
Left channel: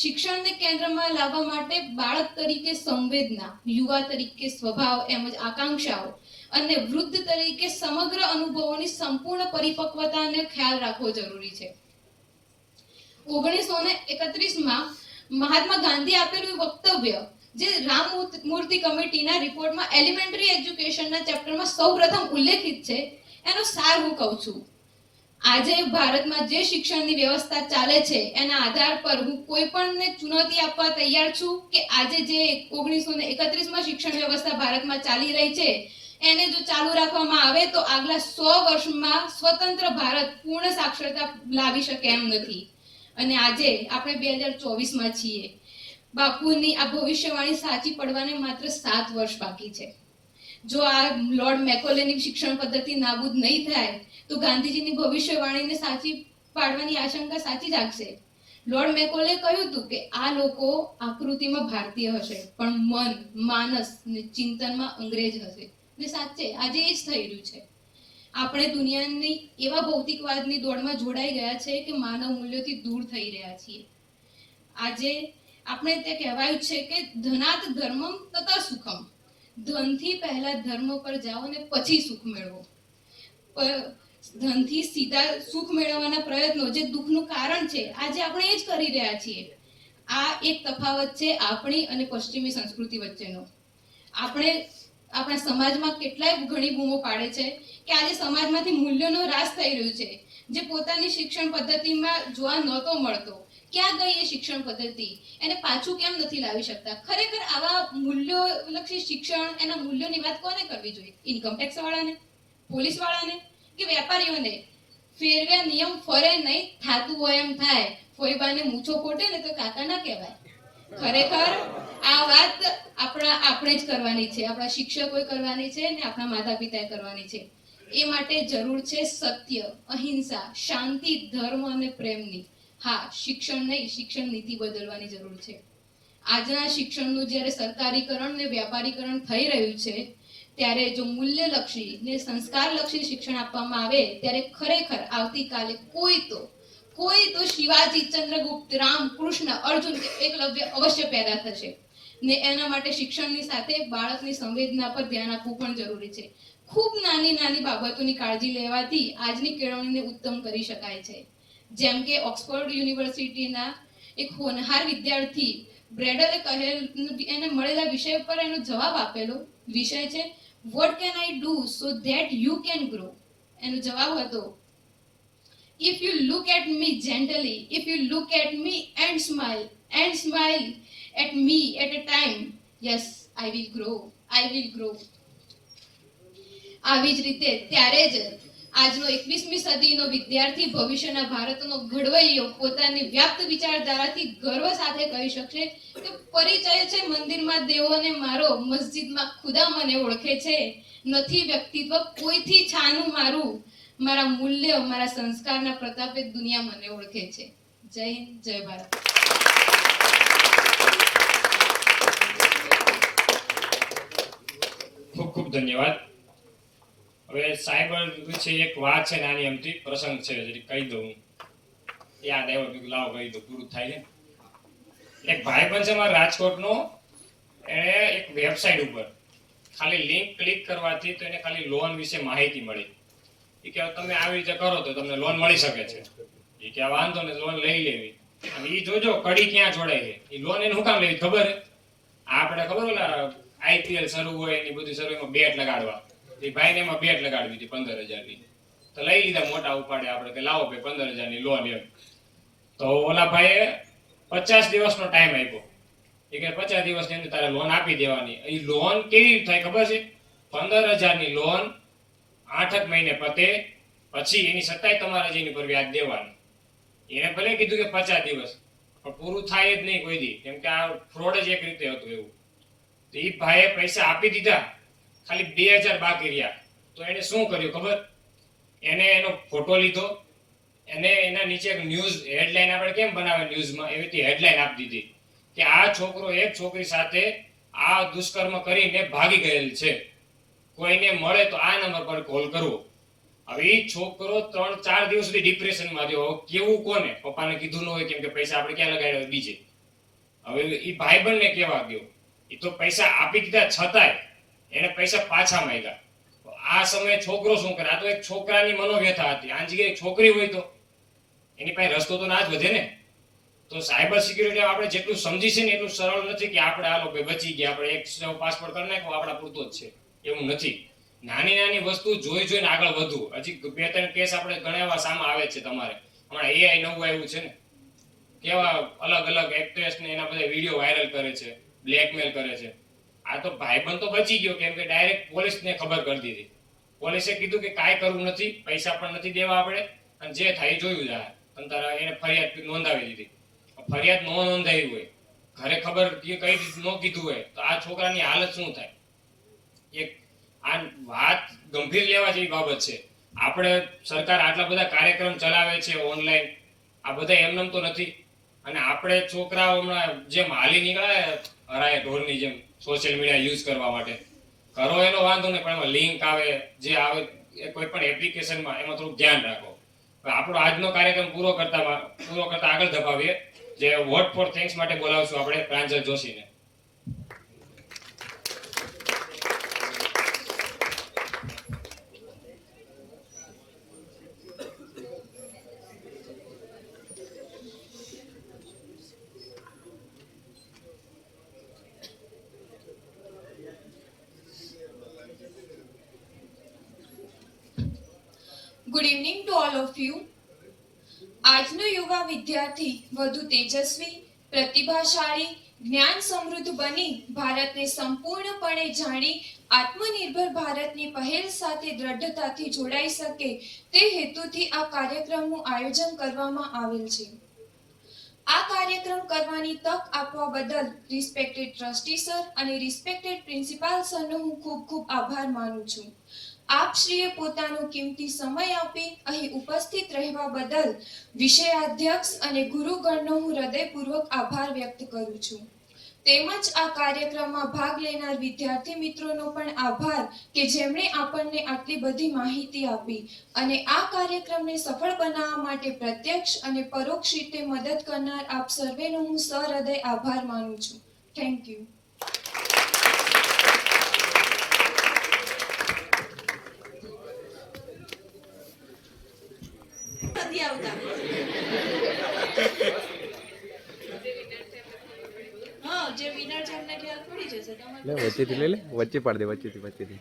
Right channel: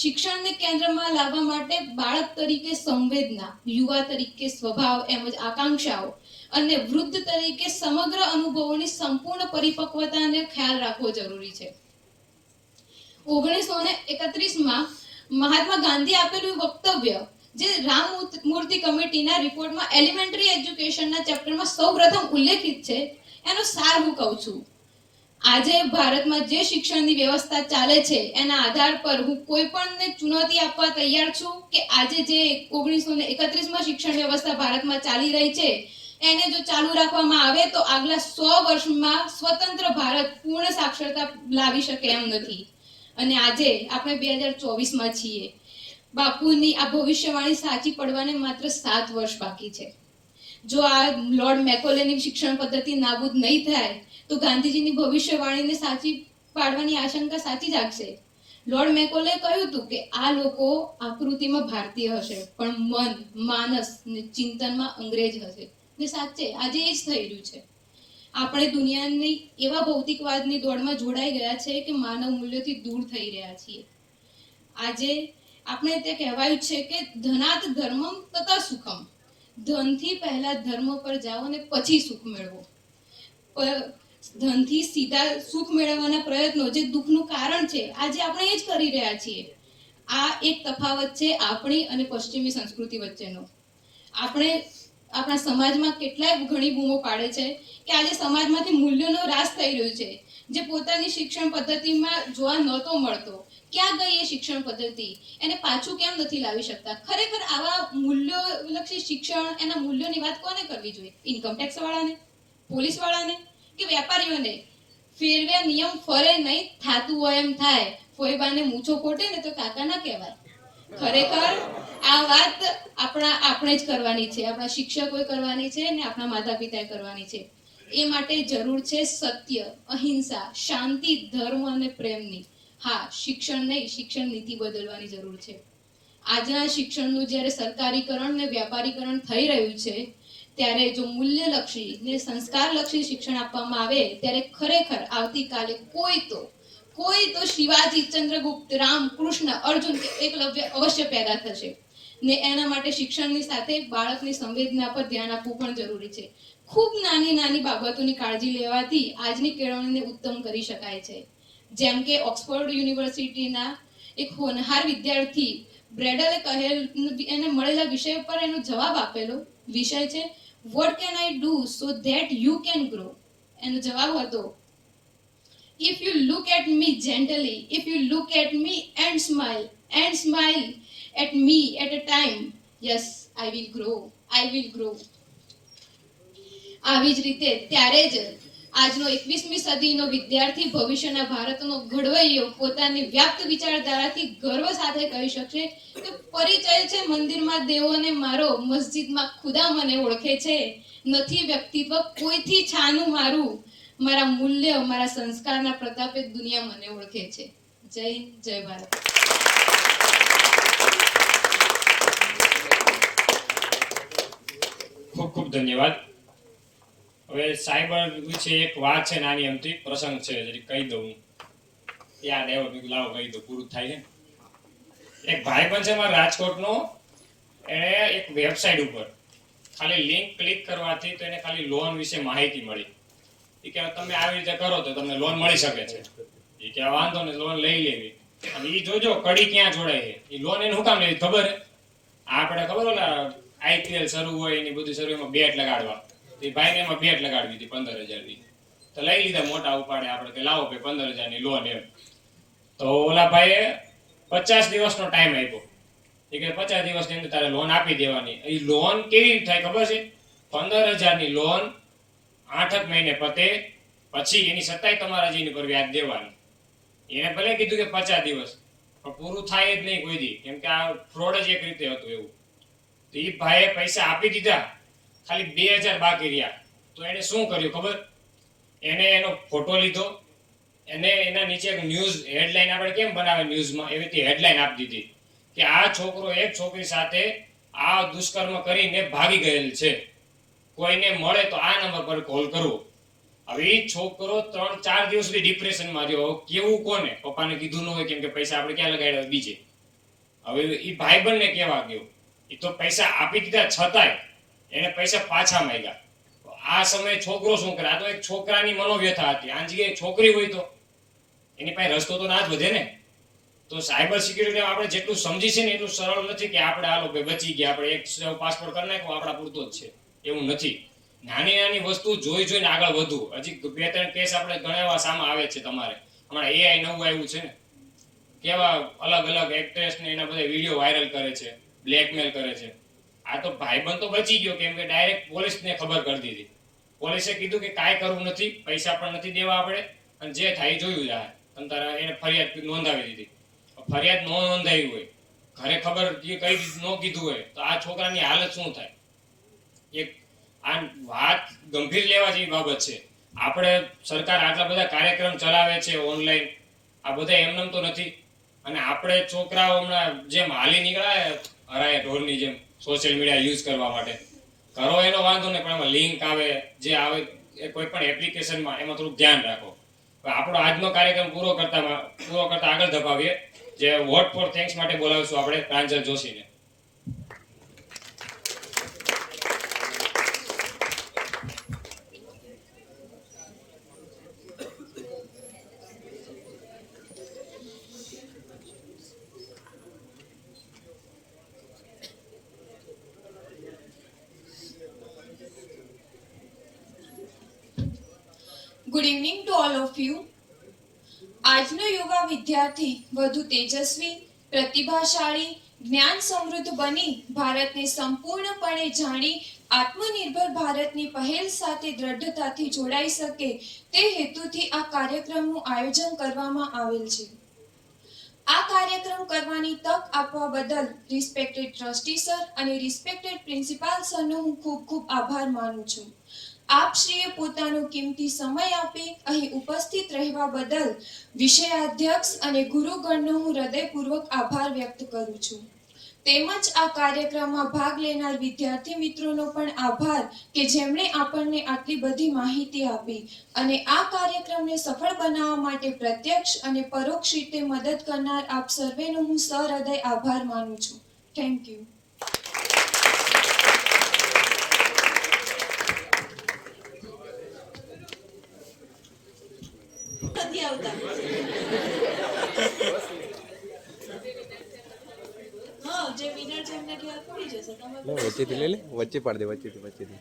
શિક્ષણને કેન્દ્રમાં લાવવા માટે બાળક તરીકે સંવેદના, યુવા તરીકે સ્વભાવ એમજ આકાંક્ષાઓ અને વૃદ્ધ તરીકે સમગ્ર અનુભવોની સંપૂર્ણ પરિપક્વતાને ખ્યાલ રાખવો જરૂરી છે. 1931માં મહાત્મા ગાંધી આપેલું વક્તવ્ય જે રામમૂર્તિ કમિટીના રિપોર્ટમાં એલિમેન્ટરી એજ્યુકેશનના ચેપ્ટરમાં સૌપ્રથમ ઉલ્લેખિત છે, એનો સાર હું કહું છું. આજે ભારતમાં જે શિક્ષણની વ્યવસ્થા ચાલે છે એના આધાર પર હું કોઈ પણને ચુનૌતી આપવા તૈયાર છું કે આજે જે 1931માં શિક્ષણ વ્યવસ્થા ભારતમાં ચાલી રહી છે એને જો ચાલુ રાખવામાં આવે તો આગલા 100 વર્ષમાં સ્વતંત્ર ભારત પૂર્ણ સાક્ષરતા લાવી શકે એમ નથી. અને આજે આપણે 2024માં છીએ. બાપુની આ ભવિષ્યવાણી સાચી પડવાને માત્ર 7 વર્ષ બાકી છે. જો આ લોર્ડ મેકોલેની શિક્ષણ પદ્ધતિ નાબૂદ નહીં થાય તો ગાંધીજીની ભવિષ્યવાણીને સાચી પાડવાની આશંકા સાચી જાગશે. લોર્ડ મેકોલે કહ્યું હતું કે આ લોકો આકૃતિમાં ભારતીય હશે પણ મન, માનસ ને ચિંતનમાં અંગ્રેજ હશે. ને સાચે આજે એ જ થઈ રહ્યું છે. આપણે દુનિયાની એવા ભૌતિકવાદની દોડમાં જોડાઈ ગયા છે કે માનવ મૂલ્યોથી દૂર થઈ રહ્યા છીએ. આજે આપણે તે કહેવાયું છે કે ધનાત ધર્મમ તથા સુખમ. ધનથી પહેલા ધર્મ પર જાઓ અને પછી સુખ મેળવો. ધનથી સીધા સુખ મેળવવાના પ્રયત્નો જે દુઃખનું કારણ છે આજે આપણે એ જ કરી રહ્યા છીએ. આ એક તફાવત છે આપણી અને પશ્ચિમી સંસ્કૃતિ વચ્ચેનો. આપણે આપણા સમાજમાં કેટલાય ઘણી બૂમો પાડે છે કે આજે સમાજમાંથી મૂલ્યોનો રાસ થઈ રહ્યો છે જે પોતાની શિક્ષણ પદ્ધતિમાં જોવા નહોતો મળતો. ક્યાં ગઈ એ શિક્ષણ પદ્ધતિ? એને પાછું કેમ નથી લાવી શકતા? ખરેખર આવા મૂલ્યોલક્ષી શિક્ષણ, એના મૂલ્યોની વાત કોને કરવી જોઈએ? ઇન્કમ ટેક્સ વાળાને, પોલીસ વાળાને કે વેપારીઓને? ફેરવ્યા નિયમ ફરે નહીં, થાતું હોય એમ થાય. ફોઈબાને મૂછો ફોટે ને તો કાકા ના કહેવાય. ખરેખર આ વાત આપણે જ કરવાની છે, આપણા શિક્ષકોએ કરવાની છે ને આપણા માતા પિતાએ કરવાની છે. એ માટે જરૂર છે સત્ય, અહિંસા, શાંતિ, ધર્મ અને પ્રેમની. હા, શિક્ષણ નહીં, શિક્ષણ નીતિ બદલવાની જરૂર છે. આજના શિક્ષણનું જ્યારે સરકારીકરણ ને વ્યાપારીકરણ થઈ રહ્યું છે ત્યારે જો મૂલ્યલક્ષી ને સંસ્કારલક્ષી શિક્ષણ આપવામાં આવે ત્યારે ખરેખર આવતીકાલે કોઈ તો શિવાજી, ચંદ્રગુપ્ત, રામ, કૃષ્ણ, અર્જુન કે એકલવ્ય અવશ્ય પેદા થશે. ને એના માટે શિક્ષણની સાથે બાળકની સંવેદના પર ધ્યાન આપવું પણ જરૂરી છે. ખૂબ નાની બાબતોની કાળજી લેવાથી આજની કેળવણીને ઉત્તમ કરી શકાય છે. જેમ કે ઓક્સફોર્ડ યુનિવર્સિટીના એક હોનહાર વિદ્યાર્થી બ્રેડલે એને મળેલા વિષય પર એનો જવાબ આપેલો વિષય છે what can I do so that you can grow. એનો જવાબ હતો if you look at me gently, if you look at me and smile at me at a time, yes, I will grow. આવી જ રીતે ત્યારે જ આજનો 21મી સદીનો વિદ્યાર્થી ભવિષ્યના ભારતનો ઘડવૈયો પોતાની વ્યાપ્ત વિચારધારાથી ગર્વ સાથે કહી શકશે કે પરિચય છે મંદિરમાં દેવોને મારો, મસ્જિદમાં ખુદા મને ઓળખે છે. નથી વ્યક્તિત્વ કોઈથી છાનું મારું, મારા મૂલ્ય, મારા સંસ્કારના પ્રતાપે દુનિયા મને ઓળખે છે. જય હિન્દ, જય ભારત. ખૂબ ખૂબ ધન્યવાદ. હવે સાયબર વિશે એક વાત છે, નાની અમથી પ્રસંગ છે, જરી કહી દઉં. યાદ આવ્યો, બીજું લાવો કહી દઉં, પૂરું થાય છે. એક ભાઈબંધ છે મારા રાજકોટનો, એણે એક વેબસાઇટ ઉપર ખાલી લિંક ક્લિક કરવાથી તો એને ખાલી લોન વિશે માહિતી મળી. એ કે તમે આવી રીતે કરો તો તમને લોન મળી શકે છે. એ કે વાંધો ને, લોન લઈ લેવી. અને એ જોજો કડી ક્યાં જોડાય છે. એ લોન એને શું કામ લેવી ખબર? આપણે ખબર ઓલા IPL શરૂ હોય એની બધું શરૂ, એમાં બેટ લગાડવા. એ ભાઈને એમાં બેટ લગાડવી હતી 15,000ની. તો લઈ લીધા મોટા ઉપાડે આપણે કે લાવો ભાઈ 15,000ની લોન એમ. તો ઓલા ભાઈએ 50 દિવસનો ટાઈમ આપ્યો. એ કે 50 દિવસની અંદર તારે લોન આપી દેવાની. એ લોન કેવી રીતે થાય ખબર છે? 15,000ની લોન 8 મહિને પતે પછી એની સત્તાય તમારા જેની પર વ્યાજ દેવાનું. એને ભલે કીધું કે 50 દિવસ, પણ પૂરું થાય જ નહીં કોઈ દી, કેમ કે આ ફ્રોડ જ એક રીતે હતું એવું. તો એ ભાઈએ પૈસા આપી દીધા, ખાલી 2,000 બાકી રહ્યા. તો એને શું કર્યું ખબર? એને એનો ફોટો લીધો, એને એના નીચે એક ન્યૂઝ હેડલાઇન આપણે કેમ બનાવે ન્યૂઝમાં, એવી રીતે હેડલાઇન આપી દીધી કે આ છોકરો એક છોકરી સાથે આ દુષ્કર્મ કરીને ભાગી ગયેલ છે, કોઈને મળે તો આ નંબર પર કોલ કરવો. હવે એ છોકરો 3-4 દિવસ સુધી ડિપ્રેશનમાં રહ્યો. કેવું કોને? પપ્પાને કીધું ન હોય, કેમ કે પૈસા આપણે ક્યાં લગાડ્યા બીજે. હવે એ ભાઈબંધને કેવા ગયો? એ તો પૈસા આપી દીધા છતાંય એને પૈસા પાછા માંગ્યા. આ સમયે છોકરો શું કરે? આ તો એક છોકરાની મનોવ્યથા હતી. આ જગ્યાએ છોકરી હોય તો એની પાસે રસ્તો તો ના જ વધે ને. તો સાયબર સિક્યુરિટી આપણે જેટલું સમજી છે ને એટલું સરળ નથી કે આપણે આ લોકો બચી ગયા, આપણે એક પાસપોર્ટ કરી નાખ્યો આપણા પૂરતો જ છે, એવું નથી. નાની નાની વસ્તુ જોઈને આગળ વધવું. હજી 2-3 કેસ આપણે ઘણા એવા સામે આવે છે તમારે. હમણાં AI નવું આવ્યું છે ને, કેવા અલગ અલગ એક્ટ્રેસ ને એના બધા વિડીયો વાયરલ કરે છે, બ્લેકમેલ કરે છે. આ તો ભાઈબંધ તો બચી ગયો, કેમ કે ડાયરેક્ટ પોલીસને ખબર કરી દીધી. પોલીસે કીધું કે કાંઈ કરવું નથી, પૈસા પણ નથી દેવા આપણે, અને જે થાય એ જોયું જાય. અને તારા એને ફરિયાદ નોંધાવી દીધી. ફરિયાદ ન નોંધાવી હોય, ઘરે ખબર કઈ ન કીધું હોય, તો આ છોકરાની હાલત શું થાય? એક આ વાત ગંભીર લેવા જેવી બાબત છે. આપણે સરકાર આટલા બધા કાર્યક્રમ ચલાવે છે ઓનલાઈન, આ બધા એમનેમ તો નથી. અને આપણે છોકરાઓ હમણાં જેમ હાલી નીકળાય હરાય ઢોરની જેમ સોશિયલ મીડિયા યુઝ કરવા માટે, કરો એનો વાંધો નહીં, પણ એમાં લિંક આવે, જે આવે એ કોઈ પણ એપ્લિકેશનમાં, એમાં થોડુંક ધ્યાન રાખો. આપણો આજનો કાર્યક્રમ પૂરો કરતા આગળ ધપાવીએ. જે વોટ ફોર થેન્ક્સ માટે બોલાવીશું આપણે પ્રાંજલ જોશીને. Good evening to all of you. આજનો યુવા વિદ્યાર્થી વધુ તેજસ્વી, પ્રતિભાશાળી, જ્ઞાન સમૃદ્ધ બની ભારતને સંપૂર્ણપણે જાણી આત્મનિર્ભર ભારતની પહેલ સાથે દ્રઢતાથી જોડાઈ શકે તે હેતુથી આ કાર્યક્રમનું આયોજન કરવામાં આવેલ છે. આ કાર્યક્રમ કરવાની તક આપવા બદલ રિસ્પેક્ટેડ ટ્રસ્ટી સર અને રિસ્પેક્ટેડ પ્રિન્સિપાલ સરનો હું ખૂબ ખૂબ આભાર માનું છું. આપશ્રીએ પોતાનો કિંમતી સમય આપી અહીં ઉપસ્થિત રહેવા બદલ વિષયાધ્યક્ષ અને ગુરુગણનો હું હૃદયપૂર્વક આભાર વ્યક્ત કરું છું. તેમજ આ કાર્યક્રમમાં ભાગ લેનાર વિદ્યાર્થી મિત્રોનો પણ આભાર કે જેમણે આપણને આટલી બધી માહિતી આપી અને આ કાર્યક્રમને સફળ બનાવવા માટે પ્રત્યક્ષ અને પરોક્ષ રીતે મદદ કરનાર આપ સર્વેનો હું સહૃદય આભાર માનું છું. Thank you. નથી આવતા. હા, જે વિનર છે એમને ખ્યાલ પડી જશે. વચ્ચેથી લઈ લે, વચ્ચે પાડી દે, વચ્ચેથી